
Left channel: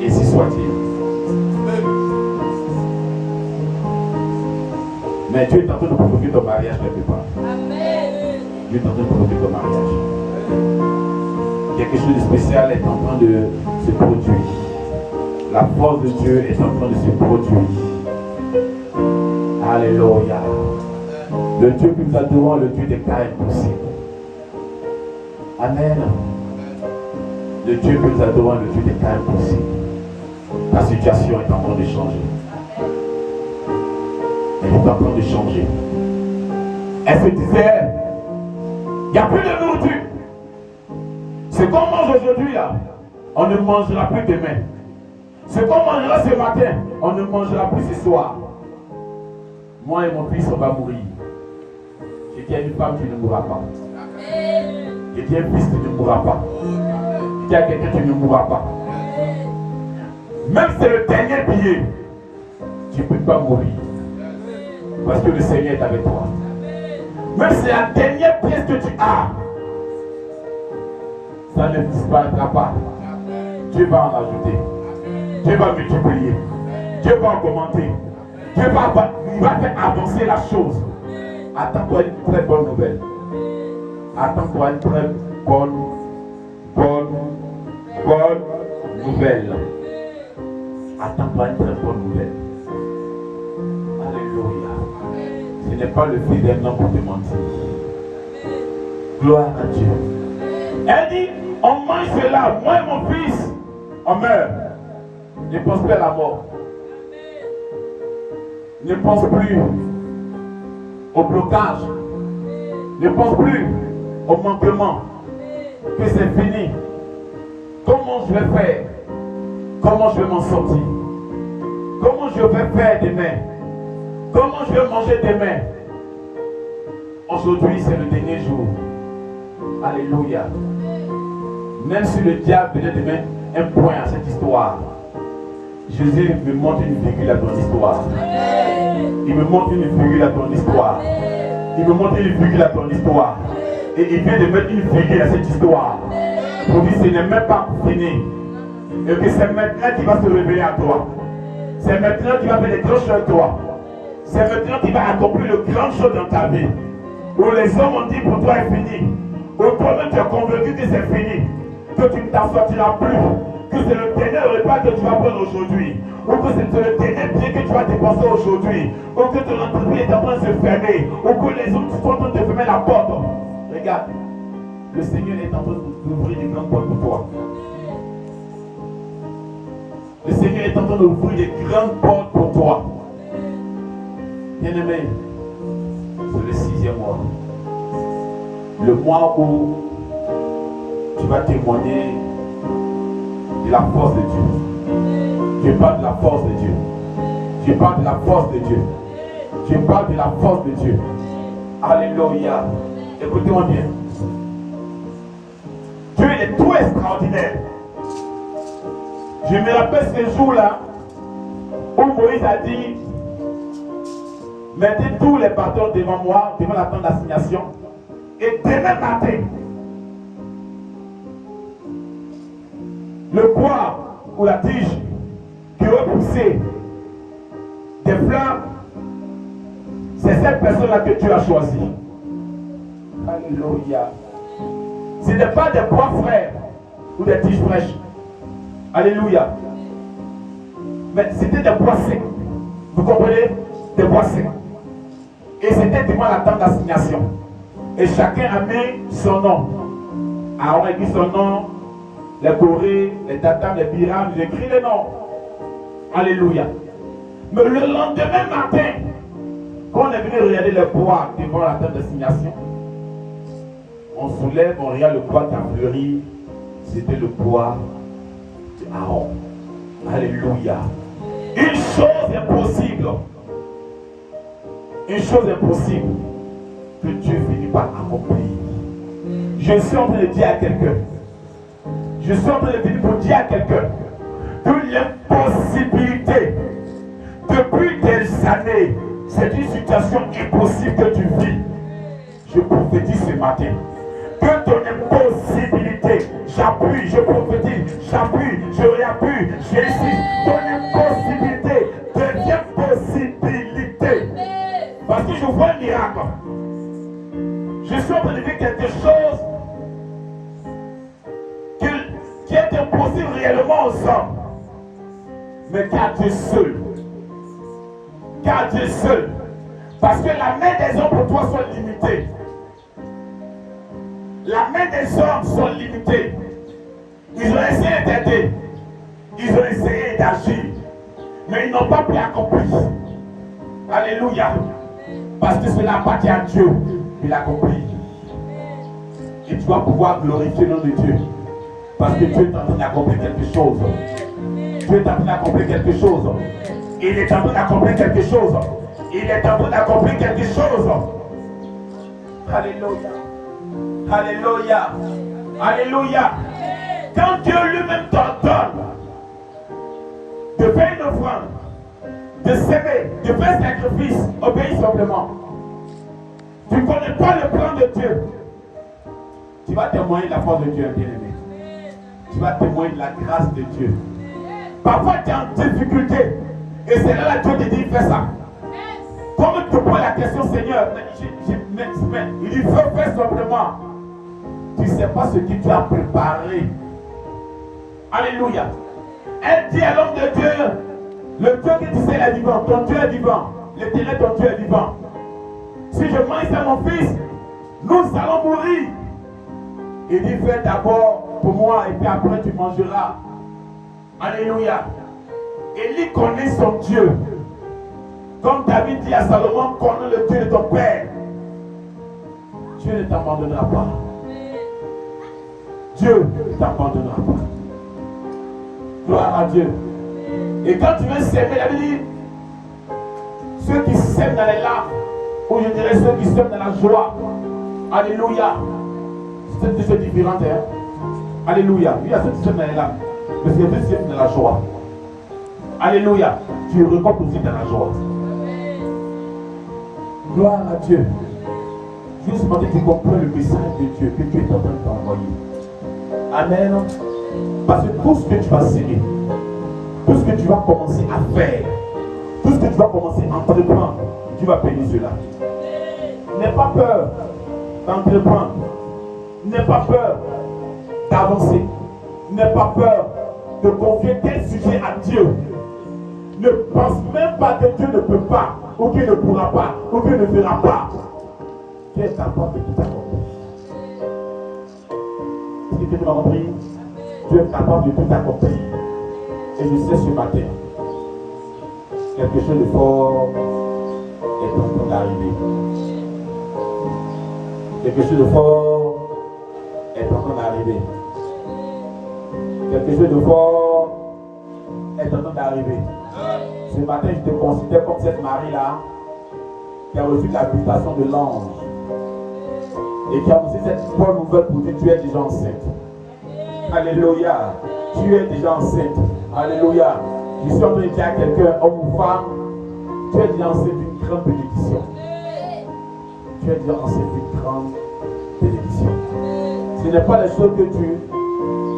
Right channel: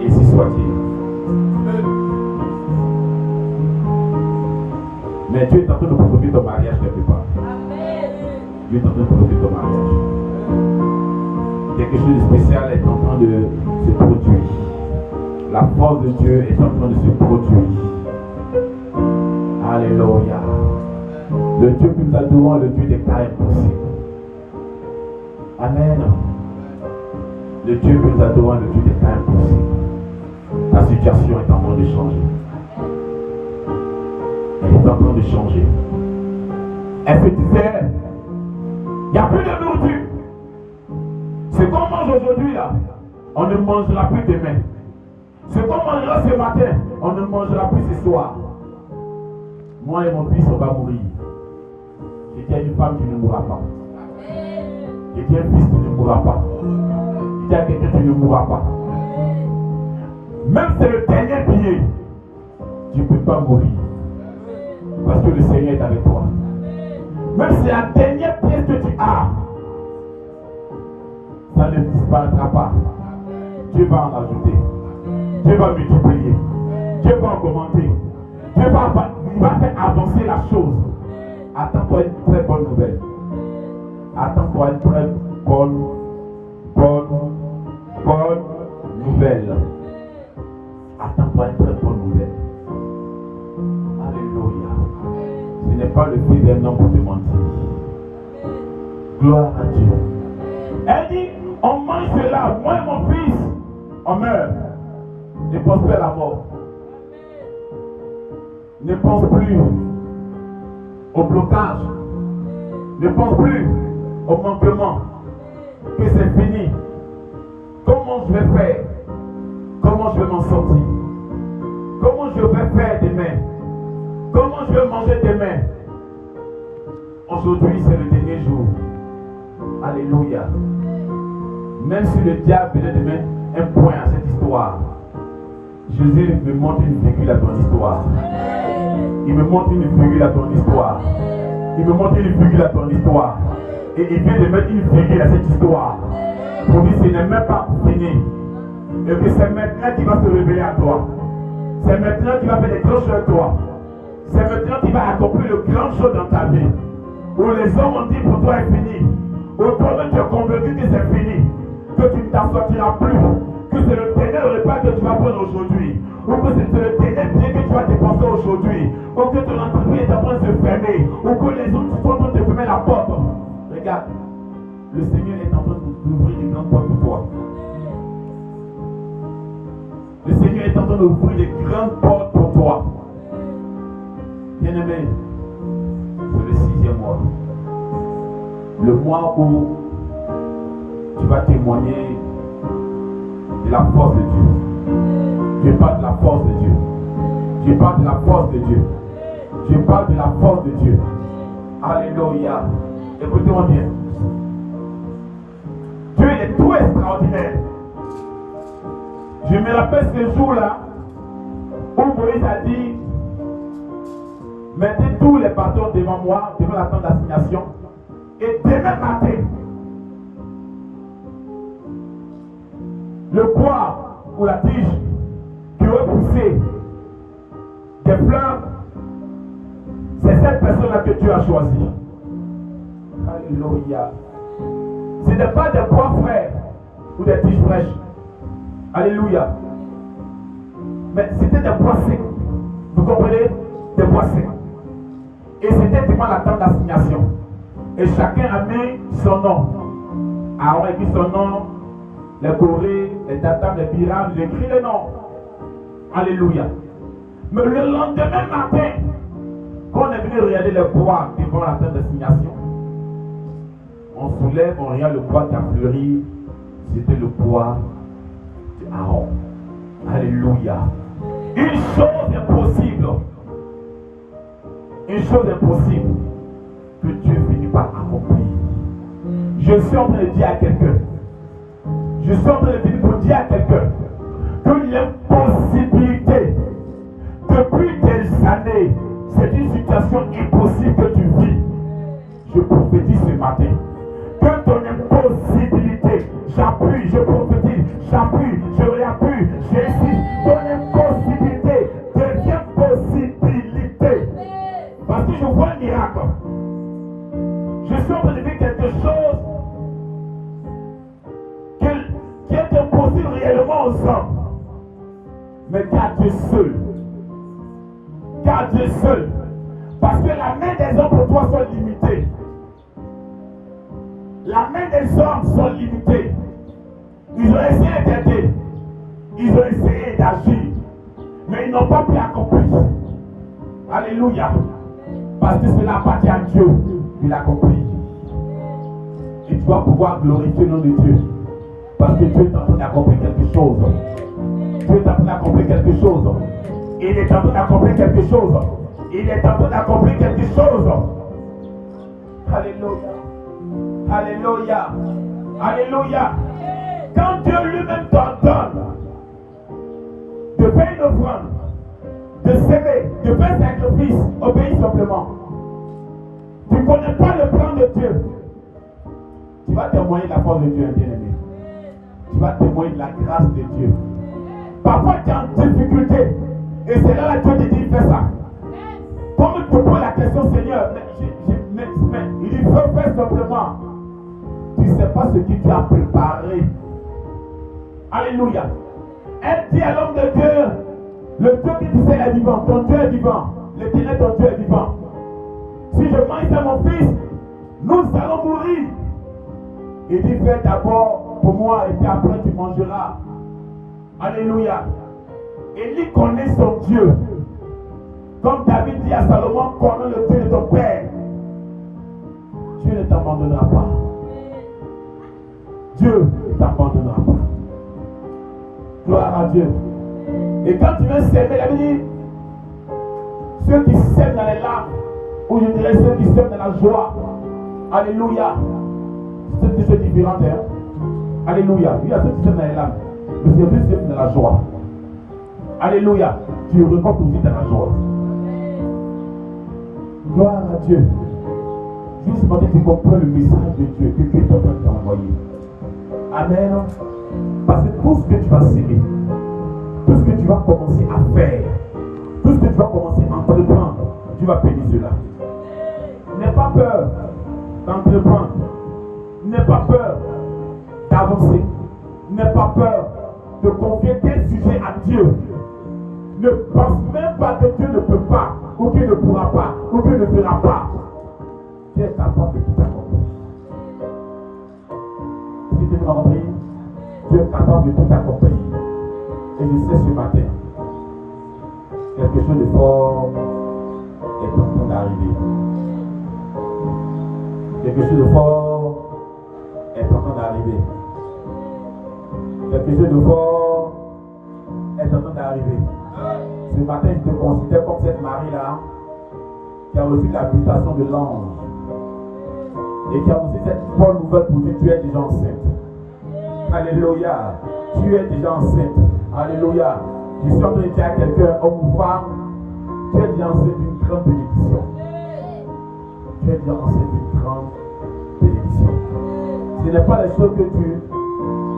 Et si soit-il. Mais Dieu est en train de provoquer ton mariage quelque part. Dieu est en train de provoquer ton mariage. Quelque chose de spécial est en train de se produire. La force de Dieu est en train de se produire. Alléluia. Le Dieu que nous adorons, le Dieu des cas impossibles. Amen. Le Dieu que nous adorons, le Dieu des cas impossibles. Ta situation est en train de changer. Elle est en train de changer. Elle se disait, il n'y a plus de nourriture. Ce qu'on mange aujourd'hui, là, on ne mangera plus demain. Ce qu'on mangera ce matin, on ne mangera plus ce soir. Moi et mon fils, on va mourir. Je dis à une femme qui ne mourra pas. Je dis à un fils qui ne mourra pas. Je dis à quelqu'un qui ne mourra pas. Même si c'est le dernier billet, tu ne peux pas mourir. Parce que le Seigneur est avec toi. Même si c'est la dernière pièce que tu as, ça ne disparaîtra pas. Dieu va en ajouter. Dieu va multiplier. Dieu va augmenter. Dieu va faire avancer la chose. Attends-toi une très bonne nouvelle. Attends-toi une très bonne nouvelle. Attends-toi une très bonne nouvelle. Alléluia. Ce n'est pas le fils d'un homme pour te mentir. Gloire à Dieu. Elle dit, on mange cela, moi et mon fils, on meurt. Et prospère la mort. Ne pense plus au blocage. Ne pense plus au manquement. Que c'est fini. Comment je vais faire? Comment je vais m'en sortir? Comment je vais faire demain? Comment je vais manger demain? Aujourd'hui, c'est le dernier jour. Alléluia. Même si le diable venait de mettre un point à cette histoire, Jésus me montre une virgule à ton histoire. Il me montre une virgule à ton histoire. Il me montre une virgule à ton histoire. Et il vient de mettre une virgule à cette histoire. Pour dire que ce n'est même pas fini. Et que c'est maintenant qu'il va se révéler à toi. C'est maintenant qu'il va faire des grandes choses à toi. C'est maintenant qu'il va accomplir de grandes choses dans ta vie. Où les hommes ont dit pour toi est fini. Où toi-même tu es convaincu que c'est fini. Que tu ne t'en sortiras plus. Que c'est le dernier repas que tu vas prendre aujourd'hui. Ou que c'est le dernier pied que tu vas dépenser aujourd'hui. Ou que ton entreprise est en train de se fermer. Ou que les autres sont en train de fermer la porte. Regarde, le Seigneur est en train d'ouvrir des grandes portes pour toi. Le Seigneur est en train d'ouvrir des grandes portes pour toi. Bien-aimé, c'est le 6e mois. Le mois où tu vas témoigner de la force de Dieu. Je parle de la force de Dieu. Je parle de la force de Dieu. Je parle de la force de Dieu. Alléluia. Écoutez-moi bien. Dieu est tout extraordinaire. Je me rappelle ce jour-là où Moïse a dit: mettez tous les bâtons devant moi, devant la tente d'assignation, et demain matin, le bois ou la tige qui va pousser des fleurs, c'est cette personne-là que tu as choisie. Alléluia. Ce n'est pas des bois frais ou des tiges fraîches. Alléluia. Mais c'était des bois secs. Vous comprenez? Des bois secs. Et c'était devant la tente d'assignation. Et chacun a mis son nom. Aaron a mis son nom. Les Corées, les Datam, les Biram, j'ai écrit les noms. Alléluia. Mais le lendemain matin, quand on est venu regarder les bois devant la tente d'assignation, on soulève, on regarde le bois qui a fleuri. C'était le bois d'Aaron. Alléluia. Une chose est possible. Une chose est possible que Dieu finit par accomplir. Je suis en train de dire à quelqu'un, je suis en train de venir pour dire à quelqu'un que l'impossibilité depuis des années, c'est une situation impossible que tu vis. Je prophétise ce matin que ton impossibilité, j'appuie, je prophétise, j'appuie, je réappuie, j'insiste, ton impossibilité devient possibilité. Parce que je vois un miracle. Je suis en train de vivre quelque chose qui est impossible réellement aux hommes. Mais qu'à Dieu seul. Qu'à Dieu seul. Parce que la main des hommes pour toi sont limitées. La main des hommes sont limitées. Ils ont essayé d'aider. Ils ont essayé d'agir. Mais ils n'ont pas pu accomplir. Alléluia. Parce que cela appartient à Dieu. Il l'accomplit. Et tu vas pouvoir glorifier le nom de Dieu. Parce que Dieu est en train d'accomplir quelque chose. Dieu est en train d'accomplir quelque chose. Il est en train d'accomplir quelque chose. Il est en train d'accomplir quelque chose. Alléluia. Alléluia. Alléluia. Quand Dieu lui-même t'ordonne de faire une offrande, de s'aimer, de faire un sacrifice, obéis simplement. Tu ne connais pas le plan de Dieu. Tu vas témoigner de la force de Dieu, bien-aimé. Tu vas témoigner de la grâce de Dieu. Parfois tu es en difficulté. Et c'est là que Dieu te dit, fais ça. Comme tu poses la question, Seigneur, il dit, faut faire simplement. Tu ne sais pas ce que tu as préparé. Alléluia. Elle dit à l'homme de Dieu, le Dieu que tu sais est vivant, ton Dieu est vivant. L'Éternel, ton Dieu est vivant. Si je mange ça, mon fils, nous allons mourir. Il dit, fais d'abord pour moi et puis après tu mangeras. Alléluia. Élie connaît son Dieu. Comme David dit à Salomon, connais le Dieu de ton père. Dieu ne t'abandonnera pas. Dieu ne t'abandonnera pas. Gloire à Dieu. Et quand tu veux s'aimer, la Bible dit, ceux qui s'aiment dans les larmes, ou je dirais ceux qui s'aiment dans la joie. Alléluia. C'est deux choses différentes. Hein? Alléluia. Il y a ceux qui s'aiment dans les larmes, mais il y a ceux qui s'aiment dans la joie. Alléluia. Tu récoltes aussi dans la joie. Gloire à Dieu. Juste pour que tu comprennes le message de Dieu que Dieu est en train de t'envoyer. Amen. Parce que tout ce que tu vas s'aimer, tout ce que tu vas commencer à faire, tout ce que tu vas commencer à entreprendre, tu vas payer cela. N'aie pas peur d'entreprendre. N'aie pas peur d'avancer. N'aie pas peur de confier tel sujet à Dieu. Ne pense même pas que Dieu ne peut pas, ou qu'il ne pourra pas, ou qu'il ne fera pas. Dieu est capable de tout accomplir. Est-ce que tu m'as compris? Dieu est capable de tout accomplir. Et je sais ce matin, quelque chose de fort est en train d'arriver. Quelque chose de fort est en train d'arriver. Quelque chose de fort est en train d'arriver. Ce matin, je te considère comme cette Marie-là qui a reçu la visitation de l'ange et qui a reçu cette bonne nouvelle pour dire tu es déjà enceinte. Alléluia. Tu es déjà enceinte. Alléluia. Je suis en train de dire à quelqu'un, homme ou femme, tu es déjà enceinte d'une grande bénédiction. Tu es déjà enceinte d'une grande bénédiction. Ce n'est pas les choses que tu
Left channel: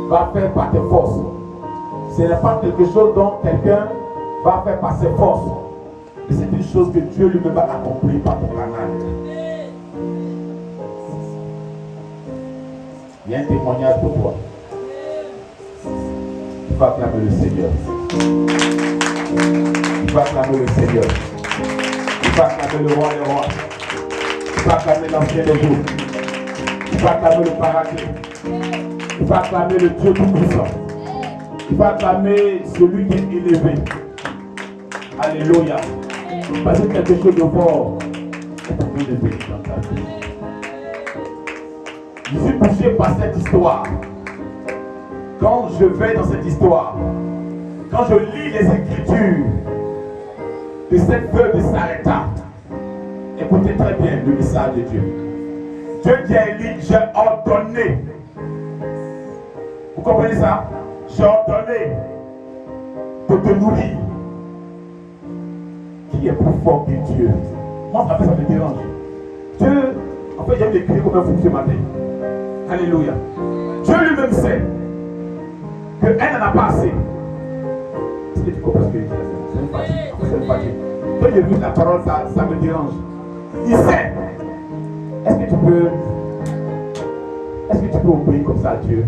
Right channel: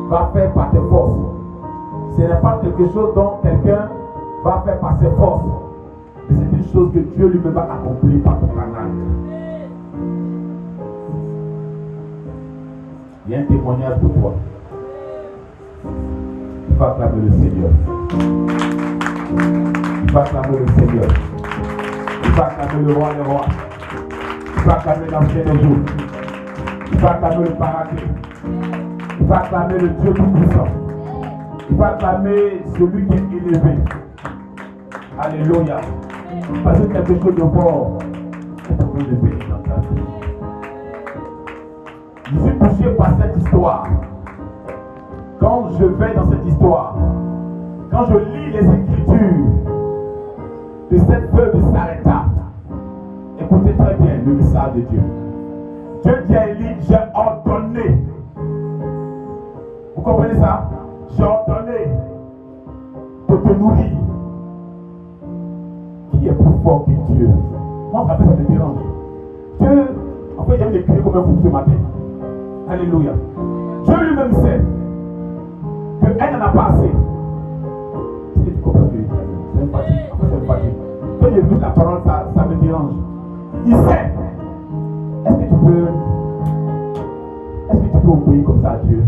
vas faire par tes forces. Ce n'est pas quelque chose dont quelqu'un va faire par ses forces. Mais c'est une chose que Dieu lui-même va accomplir par ton canal. Il y a un témoignage pour toi. Il va acclamer le Seigneur. Il va acclamer le Seigneur. Il va acclamer le roi des rois. Il va acclamer l'ancien des jours. Il va acclamer le paradis. Il va acclamer le Dieu tout-puissant. Il va acclamer celui qui est élevé. Alléluia. Parce que quelque chose de fort est en train de venir dans ta vie. Je suis touché par cette histoire. Quand je vais dans cette histoire, quand je lis les Écritures de cette veuve de Sarepta, écoutez très bien le message de Dieu. Dieu dit à Élie, j'ai ordonné. Vous comprenez ça? J'ai ordonné de te nourrir. Qui est plus fort que Dieu? Moi, ça me dérange. Dieu, en fait, j'aime l'écrire comme un fou ce matin. Alléluia. Dieu lui-même sait qu'elle n'en a pas assez. Est-ce que tu comprends ce que je dis? C'est une fatigue. En fait, c'est une fatigue. Quand j'écoute la parole, ça me dérange. Il sait. Est-ce que tu peux obéir comme ça à Dieu?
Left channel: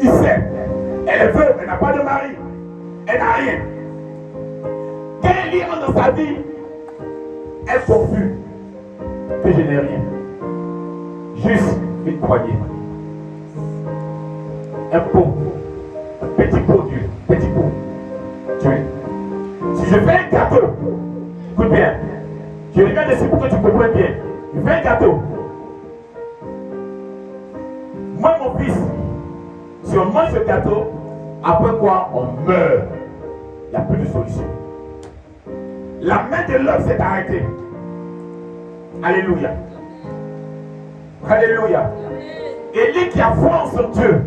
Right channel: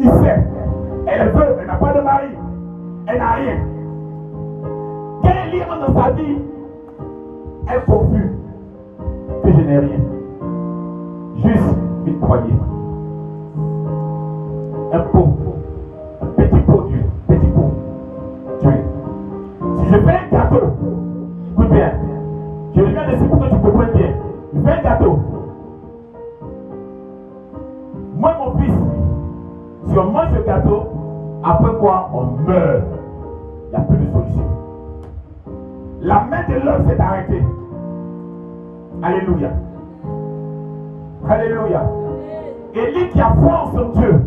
Il sait. Elle est veuve, elle n'a pas de mari. Elle n'a rien. Quand il y a dans sa vie, elle s'offre que je n'ai rien. Juste une poignée. Un pot. Un petit pot Dieu. Petit pot. Dieu. Si je fais un gâteau, écoute bien. Je regarde ici pour que tu comprennes bien. Je fais un gâteau. Moi, mon fils, si on mange ce gâteau, après quoi on meurt. Il n'y a plus de solution. La main de l'homme s'est arrêtée. Alléluia. Alléluia. Élie qui a foi en son Dieu.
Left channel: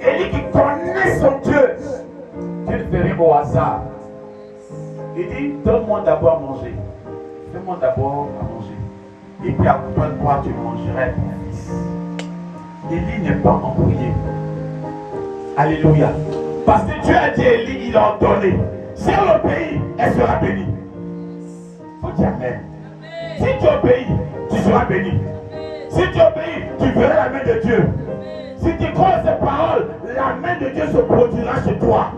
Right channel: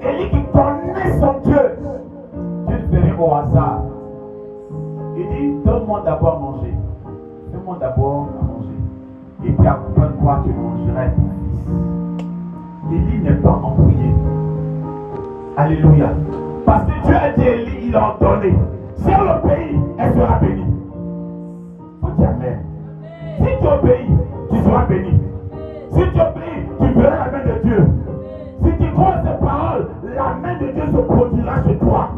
Élie qui connaît son Dieu. Dieu ne fait rien au hasard. Il dit, donne-moi d'abord à manger. Fais-moi d'abord à manger. Et puis après moi, tu mangerais ton fils. Élie n'est pas embrouillé. Alléluia. Parce que Dieu a dit à Élie, il a ordonné. Si elle obéit, elle sera bénie. Il faut dire Amen. Si tu obéis, tu seras béni. Si tu obéis, tu verras la main de Dieu. Si tu crois ces paroles, la main de Dieu se produira chez toi.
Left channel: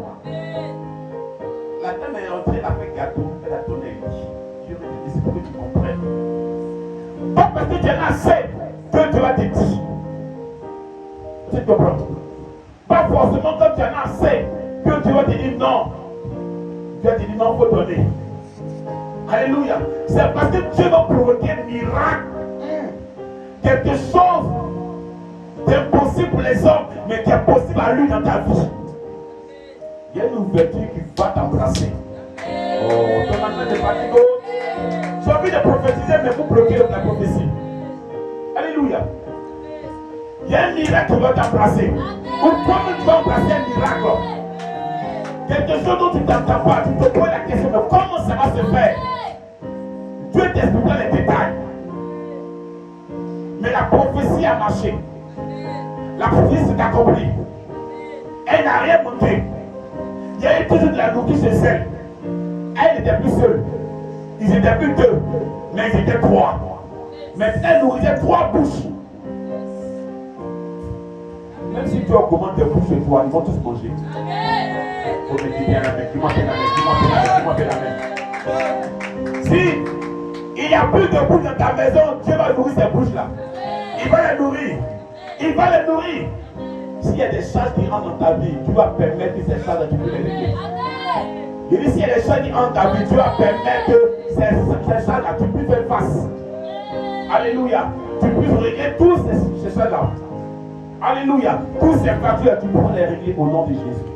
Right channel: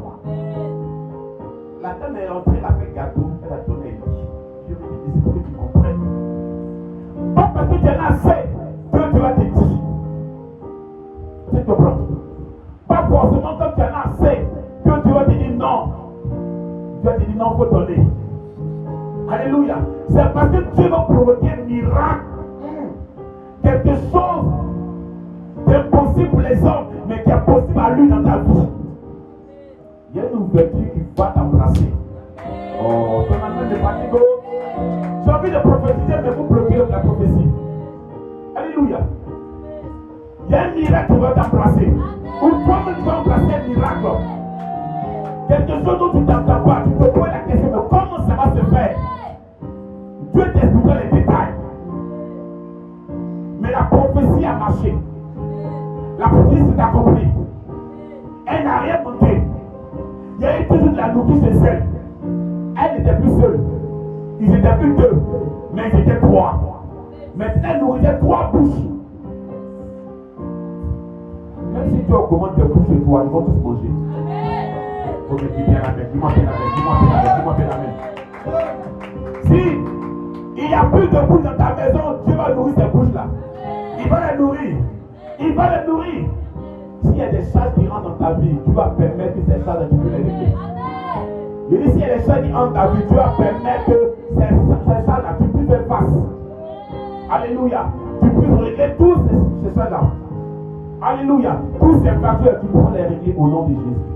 La dame est entrée, elle a fait gâteau, elle a donné un lit. Je me dis, c'est pour que tu comprennes. Pas parce que tu en as assez, que Dieu va te dire. Tu comprends? Pas forcément quand tu en as assez, que Dieu va te dire non. Dieu te dit non, il faut donner. Alléluia. C'est parce que Dieu va provoquer un miracle. Quelque chose d'impossible pour les hommes, mais qui est possible à lui dans ta vie. Il y a une ouverture qui va t'embrasser. Oh, ton enfant de fatigue. J'ai envie de prophétiser, mais vous bloquez la prophétie. Alléluia. Il y a un miracle qui va t'embrasser. Ou toi-même tu vas embrasser un miracle. Quelque chose dont tu t'entends pas, tu te poses la question, mais comment ça va se faire? Dieu t'expliquera les détails. Mais la prophétie a marché. La prophétie s'est accomplie. Elle n'a rien monté. Il y avait toujours de la nourriture chez elle. Elle n'était plus seule. Ils étaient plus deux, mais ils étaient trois. Mais elle nourrissait trois bouches. Même si tu augmentes tes bouches chez toi, ils vont tous manger. Il faut me dire bien la main, dis-moi bien la main, dis-moi bien la main. Si il n'y a plus de bouches dans ta maison, Dieu va nourrir ces bouches-là. Il va les nourrir. Il va les nourrir. S'il y a des choses qui rentrent dans ta vie, tu vas permettre que ces choses tu peux les régler. Il dit s'il y a des choses qui rentrent dans ta vie, tu vas permettre que ces choses-là, tu puisses faire face. Alléluia. Tu puisses régler tous ces choses-là. Alléluia. Tous ces fractures, tu pourras les régler au nom de Jésus.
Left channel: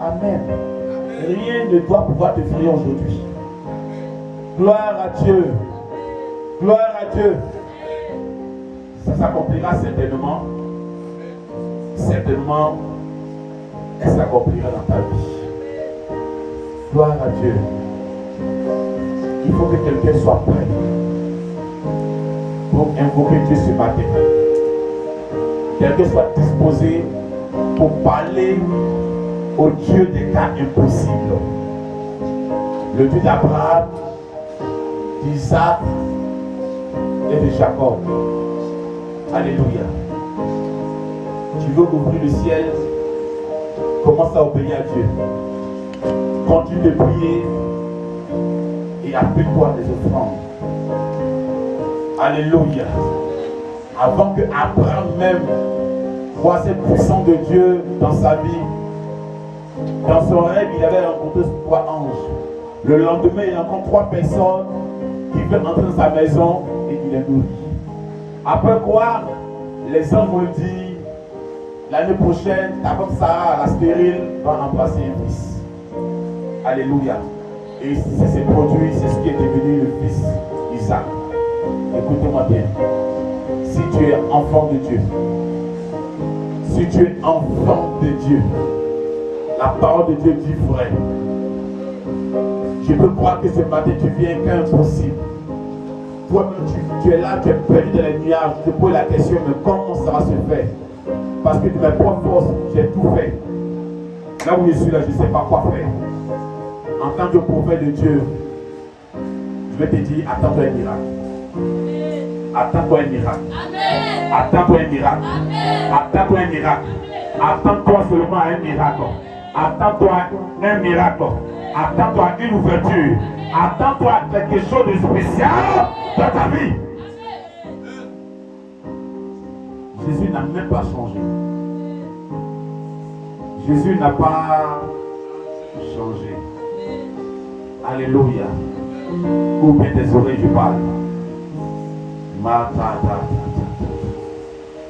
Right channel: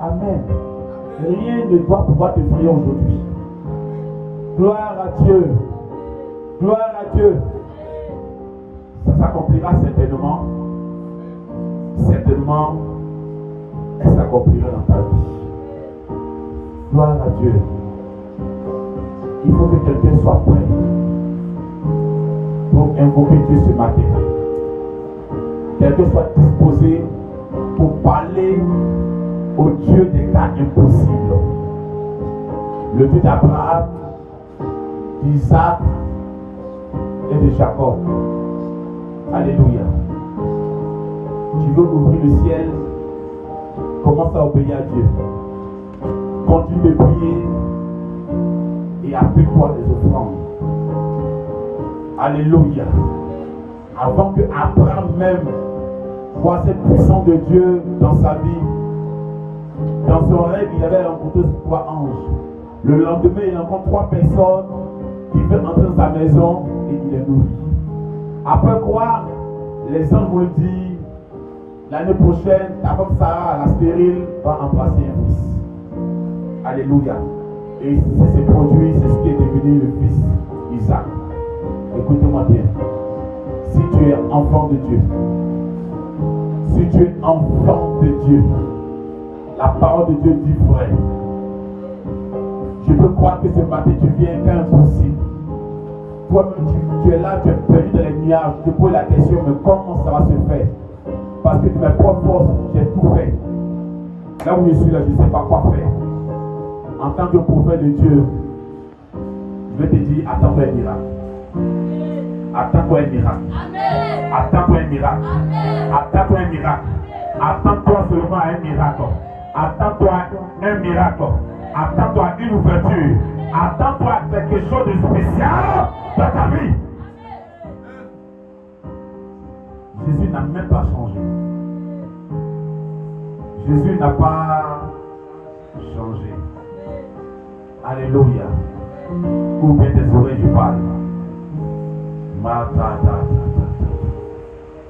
Amen. Rien ne doit pouvoir te frayer aujourd'hui. Gloire à Dieu. Gloire à Dieu. Ça s'accomplira certainement. Certainement, elle s'accomplira dans ta vie. Gloire à Dieu. Il faut que quelqu'un soit prêt pour invoquer Dieu ce matin. Quelqu'un soit disposé pour parler au Dieu des cas impossibles. Le Dieu d'Abraham, d'Isaac et de Jacob. Alléluia. Tu veux ouvrir le ciel, commence à obéir à Dieu. Continue de prier et appelle-toi des offrandes. Alléluia. Avant que Abraham même voit cette puissance de Dieu dans sa vie, dans son rêve, il avait rencontré trois anges. Le lendemain, il rencontre trois personnes qui veulent entrer dans sa maison et il les nourrit. Après quoi, les anges vont dire, l'année prochaine, ta femme Sarah, la stérile, va embrasser un fils. Alléluia. Et c'est ce produit, c'est ce qui est devenu le fils Isaac. Écoutez-moi bien. Si tu es enfant de Dieu, si tu es enfant de Dieu, la parole de Dieu dit vrai. Je peux croire que ce matin tu viens qu'un impossible. Toi-même tu es là, tu es perdu dans les nuages. Tu te poses la question, mais comment ça va se faire? Parce que de mes propres forces, j'ai tout fait. Là où je suis là, je ne sais pas quoi faire. En tant que prophète de Dieu, je vais te dire, attends-toi un miracle. Attends-toi un miracle. Attends-toi un miracle. Attends-toi un miracle. Attends-toi seulement à un miracle. Attends-toi un miracle. Attends-toi une ouverture. Attends-toi quelque chose de spécial dans ta vie. Jésus n'a même pas changé. Jésus n'a pas changé. Alléluia. Ouvre bien tes oreilles, je parle.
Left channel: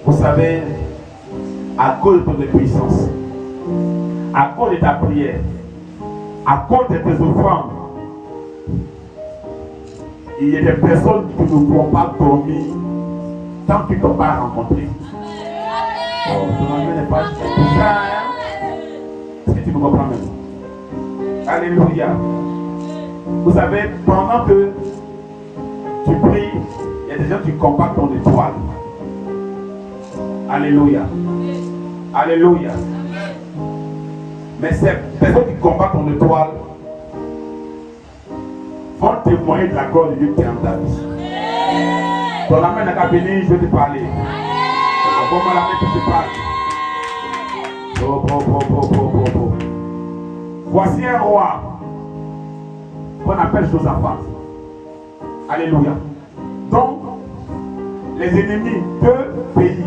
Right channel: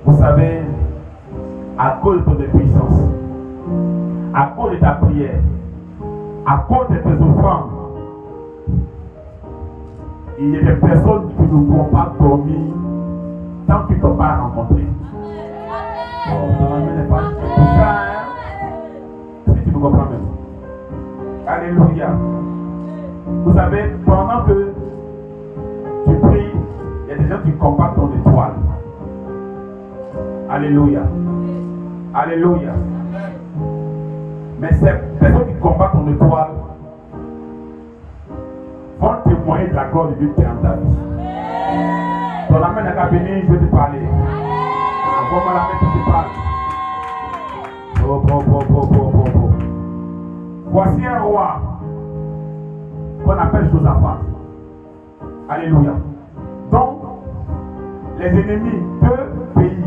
Vous savez, à cause de tes puissances, à cause de ta prière, à cause de tes offrandes, il y a des personnes qui ne pourront pas dormir tant qu'ils ne t'ont pas rencontré. Est-ce que tu me comprends même? Alléluia. Vous savez, pendant que tu pries, il y a des gens qui combattent ton étoile. Alléluia. Alléluia. Mais ces personnes qui combattent ton étoile vont témoigner de la gloire de Dieu qui est en ta vie. Dans la main de la bénie, je vais te parler. Envoie-moi la main que je parle. Voici un roi qu'on appelle Josaphat. Alléluia. Donc, les ennemis de pays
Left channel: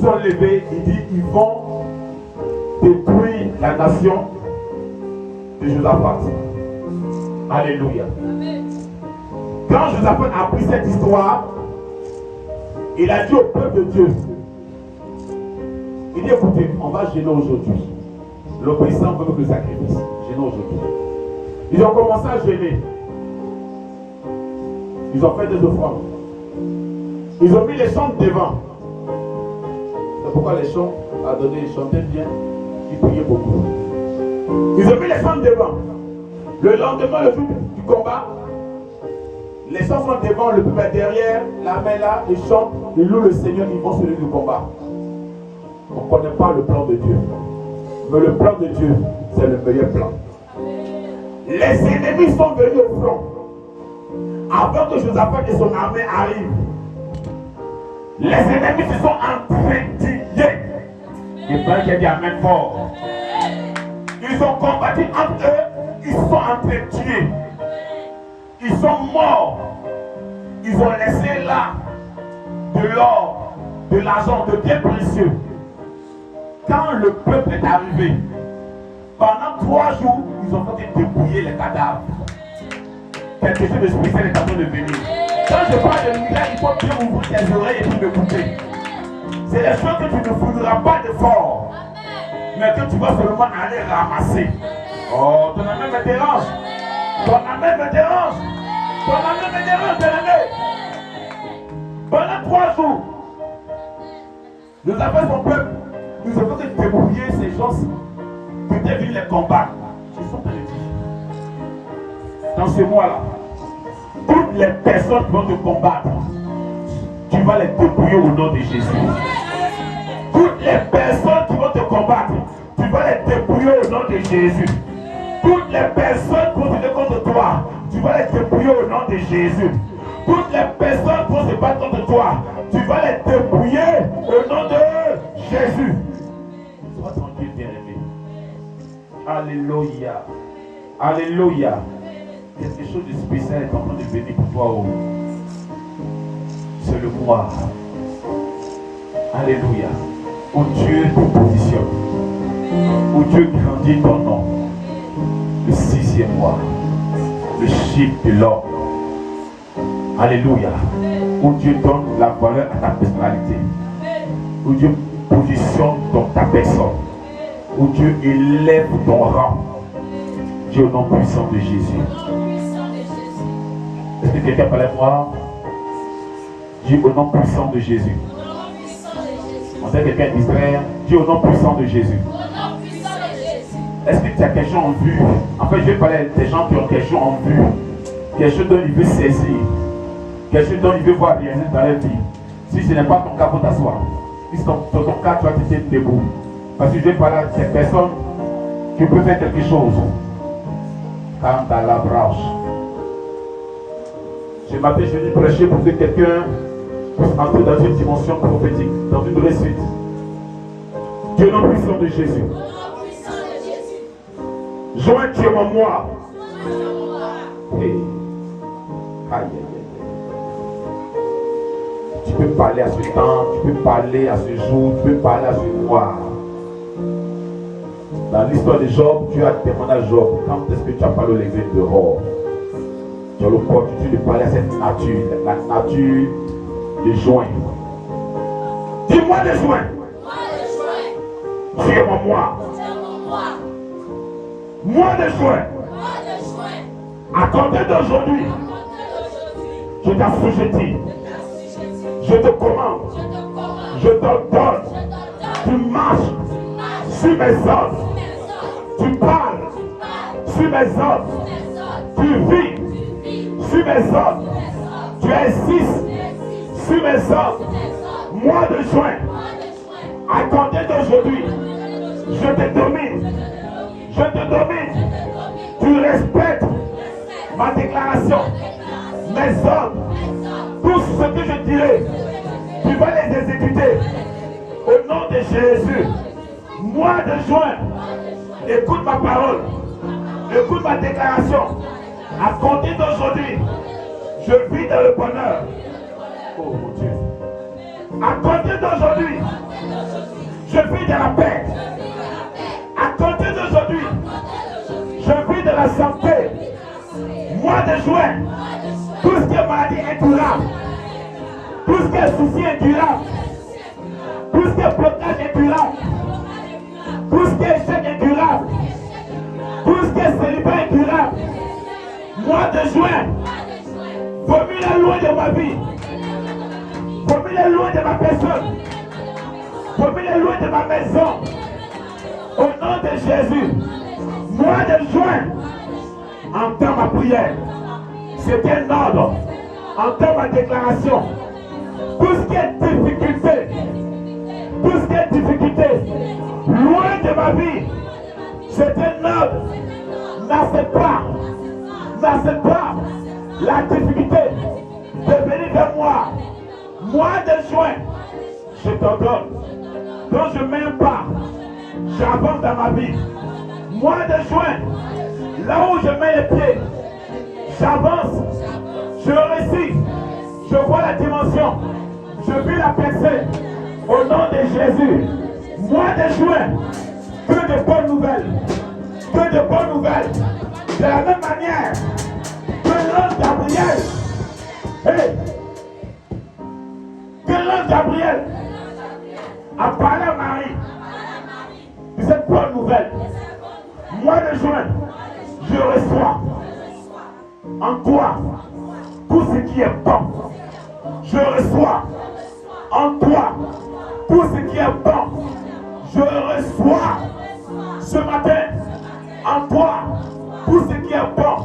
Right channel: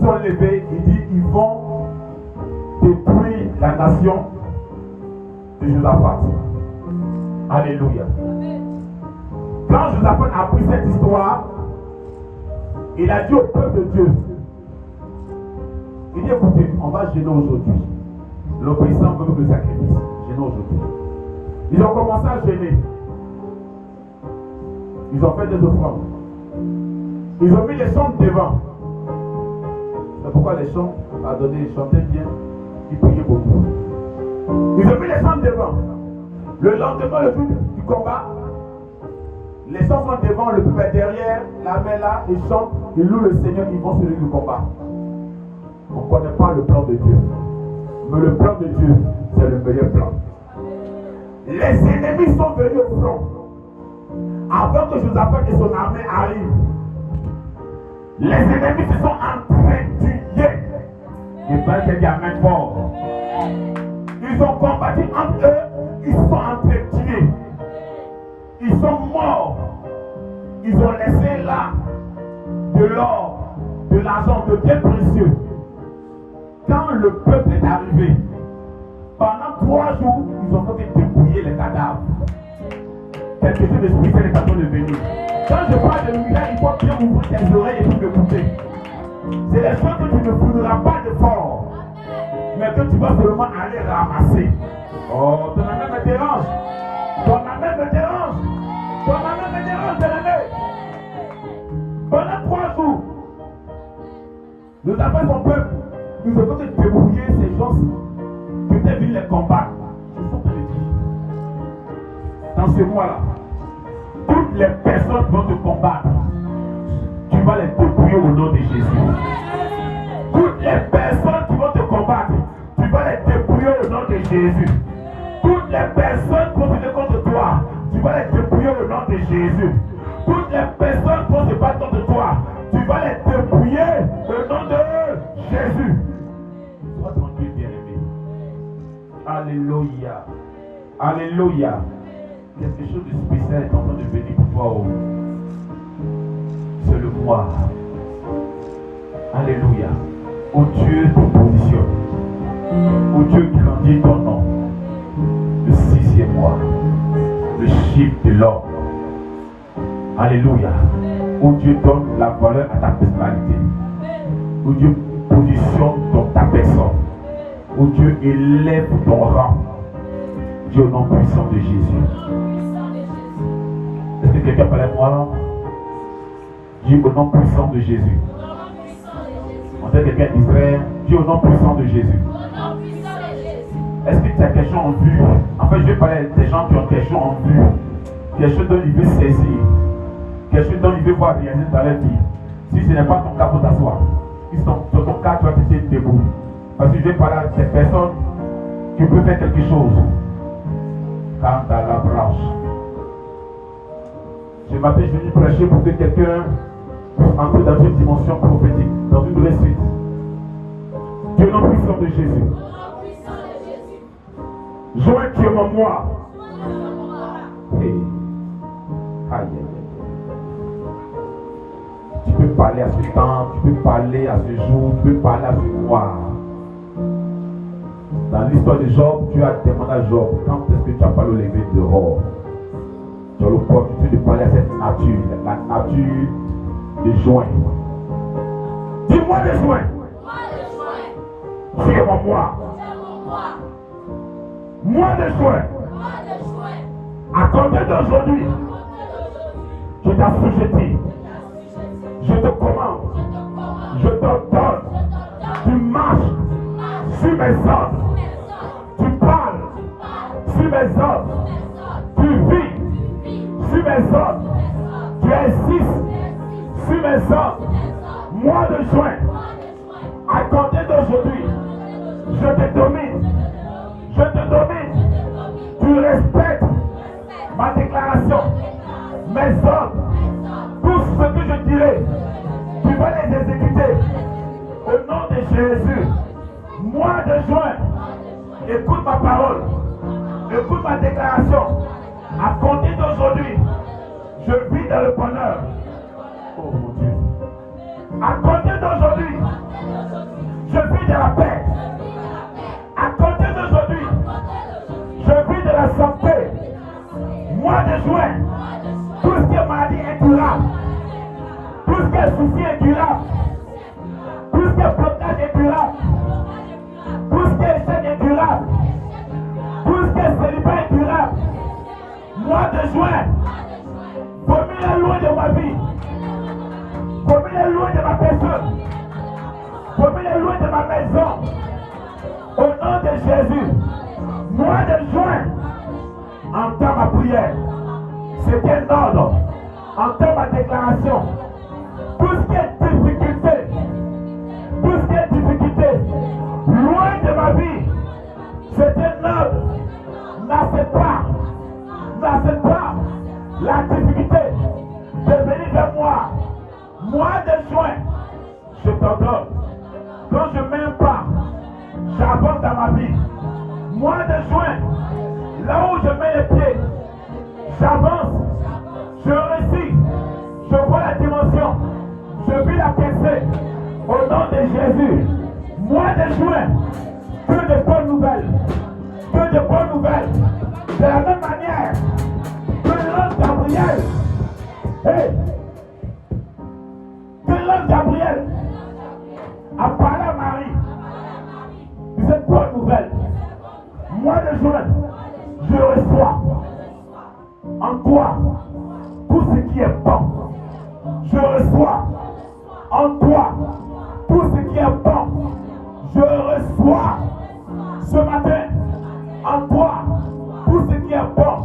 sont levés. Il dit ils vont détruire la nation de Josaphat. Alléluia. Quand Josaphat a appris cette histoire, il a dit au peuple de Dieu, il dit écoutez, on va gêner aujourd'hui. L'obéissance veut le sacrifice. Gêner aujourd'hui. Ils ont commencé à gêner. Ils ont fait des offrandes. Ils ont mis les chants devant. C'est pourquoi les chants, ils chantaient bien, ils priaient beaucoup. Ils ont mis les chants devant. Le lendemain, le jour du combat, les chants sont devant, le peuple est derrière, la main là, ils chantent, ils louent le Seigneur, ils vont sur le combat. On ne connaît pas le plan de Dieu. Mais le plan de Dieu, c'est le meilleur plan. Les ennemis sont venus au front. Avant que Josaphat et son armée arrivent, les ennemis se sont entretillés. Et pas qu'il y a amen fort. Ils ont combattu entre eux, ils sont entretués. Ils sont morts. Ils ont laissé là de l'or, de l'argent, de biens précieux. Quand le peuple est arrivé, pendant 3 jours, ils ont fait dépouiller les cadavres. Quelque chose de spécial est en train de venir. Quand je parle de lumière, il faut bien ouvrir tes oreilles et puis m'écouter. C'est des choses que tu ne foudras pas d'effort, mais que tu vas seulement aller ramasser. Oh, ton ami me dérange. Ton ami me dérange. Ton ami me dérange, bien-aimé. Pendant 3 jours, nous avons son peuple. Nous avons débrouillé ces gens qui étaient venus les combattre. Je suis en train de dire. Dans ce mois-là, toutes les personnes qui vont te combattre, tu vas les débrouiller au nom de Jésus. Toutes les personnes qui vont te combattre, tu vas les débrouiller au nom de Jésus. Toutes les personnes qui vont se battre contre toi, tu vas les débrouiller au nom de Jésus. Toutes les personnes qui vont se battre contre toi, tu vas les débrouiller au nom de Jésus. Sois tranquille, bien-aimé. Alléluia. Alléluia. Quelque chose de spécial est en train de venir pour toi. Oh. C'est le mois. Alléluia. Où Dieu te positionne. Où Dieu grandit ton nom. Le 6e mois. Le chiffre de l'or. Alléluia. Où Dieu donne la valeur à ta personnalité. Où Dieu positionne dans ta personne. Où Dieu élève ton rang. Dieu au nom puissant de Jésus. Est-ce que quelqu'un parlait de moi? Dieu au nom puissant de Jésus. On sait quelqu'un d'Israël. Dieu au nom puissant de Jésus. Est-ce que tu as quelque chose en vue? En fait, je vais parler des gens qui ont quelque chose en vue. Quelque chose dont ils veulent saisir. Quelque chose dont ils veulent voir réaliser dans leur vie. Si ce n'est pas ton cas, faut t'asseoir. Si c'est ton cas, tu vas te tenir debout. Parce que je vais parler à ces personnes qui peuvent faire quelque chose. Quand à la branche. Je m'appelle, je vais prêcher pour que quelqu'un puisse entrer dans une dimension prophétique, dans une réussite. Dieu le puissant de Jésus. Joins-tu en moi. Hey. Aïe, aïe, aïe. Tu peux parler à ce temps, tu peux parler à ce jour, tu peux parler à ce mois. Dans l'histoire de Job, tu as demandé à Job, quand est-ce que tu as parlé au lever dehors? Tu as l'opportunité de parler à cette nature, la nature de juin. Dis-moi de juin. Tu es en moi. Mois de juin. À compter d'aujourd'hui, je t'assujettis. Je te commande. Je t'ordonne. Tu marches sur mes ordres. Tu parles sur mes ordres. Tu vis sur mes ordres. Tu insistes sur mes ordres. Mois de juin. À compter d'aujourd'hui, je te domine. Je te domine. Tu respectes ma déclaration, mes ordres, tout ce que je dirai, tu vas les exécuter au nom de Jésus. Mois de juin, écoute ma parole, écoute ma déclaration. À compter d'aujourd'hui, je vis dans le bonheur. Oh mon Dieu. À compter d'aujourd'hui, je vis dans la paix. À compter d'aujourd'hui, je vis de la santé. juin, tout ce qui est maladie incurable, tout ce qui est souci incurable, tout ce qui est blocage incurable, tout ce qui est échec incurable, tout ce qui est célibat incurable, mois de juin, vomis-le loin de ma vie, vomis-le loin de ma personne, vomis-le loin de ma maison, au nom de Jésus. Mois de juin, entends ma prière. C'est un ordre. Entends ma déclaration. Tout ce qui est difficulté, loin de ma vie, c'est un ordre. N'accepte pas la difficulté de venir vers moi. Mois de juin, je t'ordonne. Quand je mets un pas, j'avance dans ma vie. Mois de juin, là où je mets les pieds, j'avance, je réussis, je vois la dimension, je vis la percée au nom de Jésus. Mois de juin, que de bonnes nouvelles, de la même manière que l'ange Gabriel, a parlé à Marie de cette bonne nouvelle. Mois de juin, je reçois en toi tout ce qui est bon. Je reçois en toi tout ce qui est bon. Je reçois ce matin en toi tout ce qui est bon,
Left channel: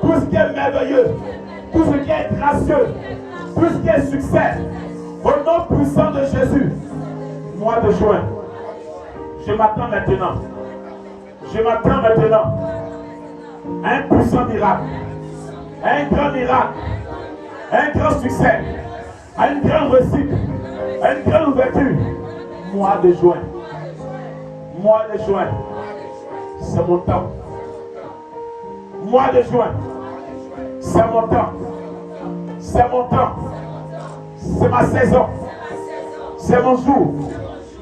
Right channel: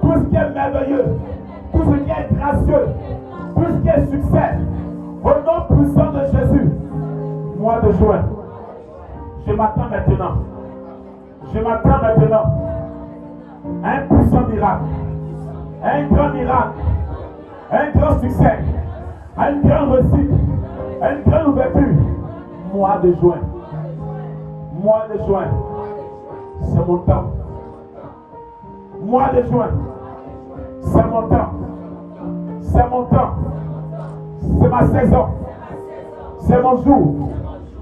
tout ce qui est merveilleux, tout ce qui est gracieux, tout ce qui est succès. Au nom puissant de Jésus, mois de juin, je m'attends maintenant. Je m'attends maintenant à un puissant miracle, à un grand miracle, à un grand succès, à une grande réussite, à une grande ouverture. Mois de juin, c'est mon temps. Mois de juin, c'est mon temps. C'est mon temps. C'est ma saison. C'est mon jour.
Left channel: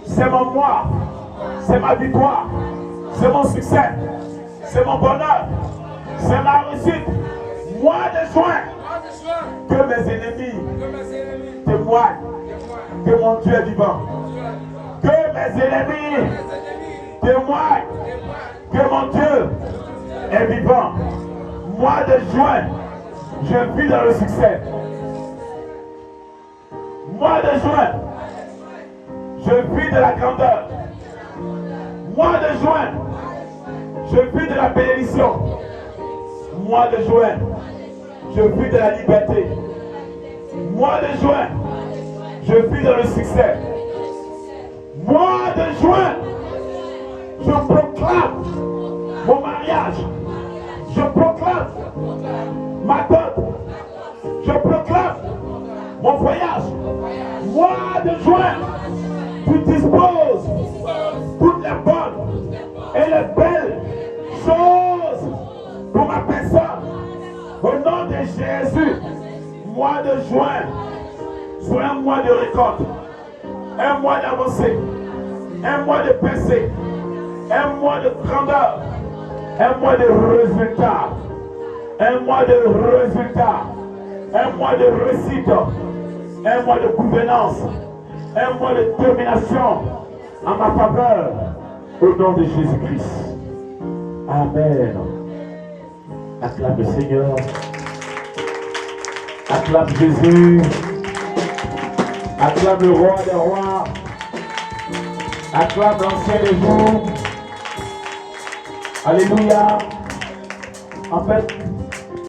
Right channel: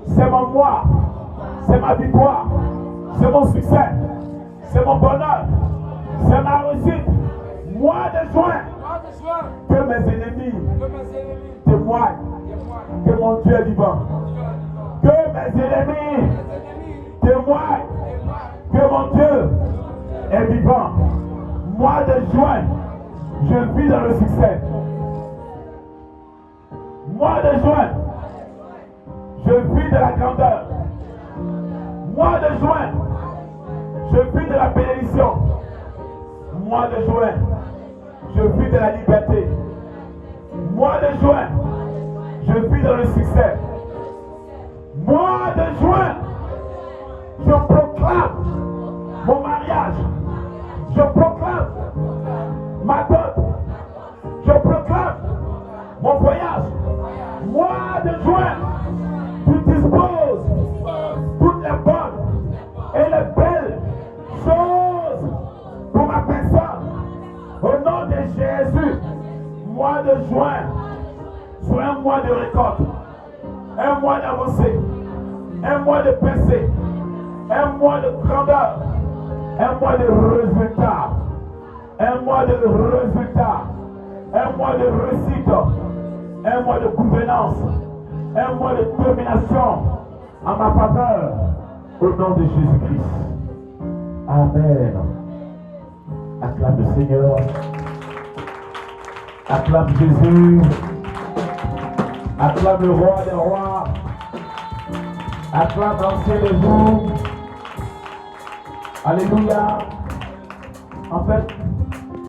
C'est mon mois. C'est ma victoire. C'est mon succès, c'est mon bonheur, c'est ma réussite. Mois de juin, que mes ennemis témoignent que mon Dieu est vivant. Que mes ennemis témoignent que mon Dieu est vivant. Mois de juin, je vis dans le succès. Mois de juin, je vis de la grandeur. Mois de juin, je vis de la bénédiction. Mois de juin, je vis de la liberté. Mois de juin, je vis de le succès. Mois de juin, je proclame mon mariage. Je proclame ma dot. Je proclame mon voyage. Mois de juin, tu disposes toutes les bonnes et les belles choses pour ma personne. Au nom de Jésus, mois de juin soit un mois de récolte, un mois d'avancée, un mois de percée, un mois de grandeur, un mois de résultat, un mois de résultat, un mois de réussite, un mois de gouvernance, un mois de domination en ma faveur, au nom de Jésus-Christ. Amen. Acclame le Seigneur. Acclame Jésus. Acclame le roi des rois. Acclame l'ancien des jours. Alléluia. En fait,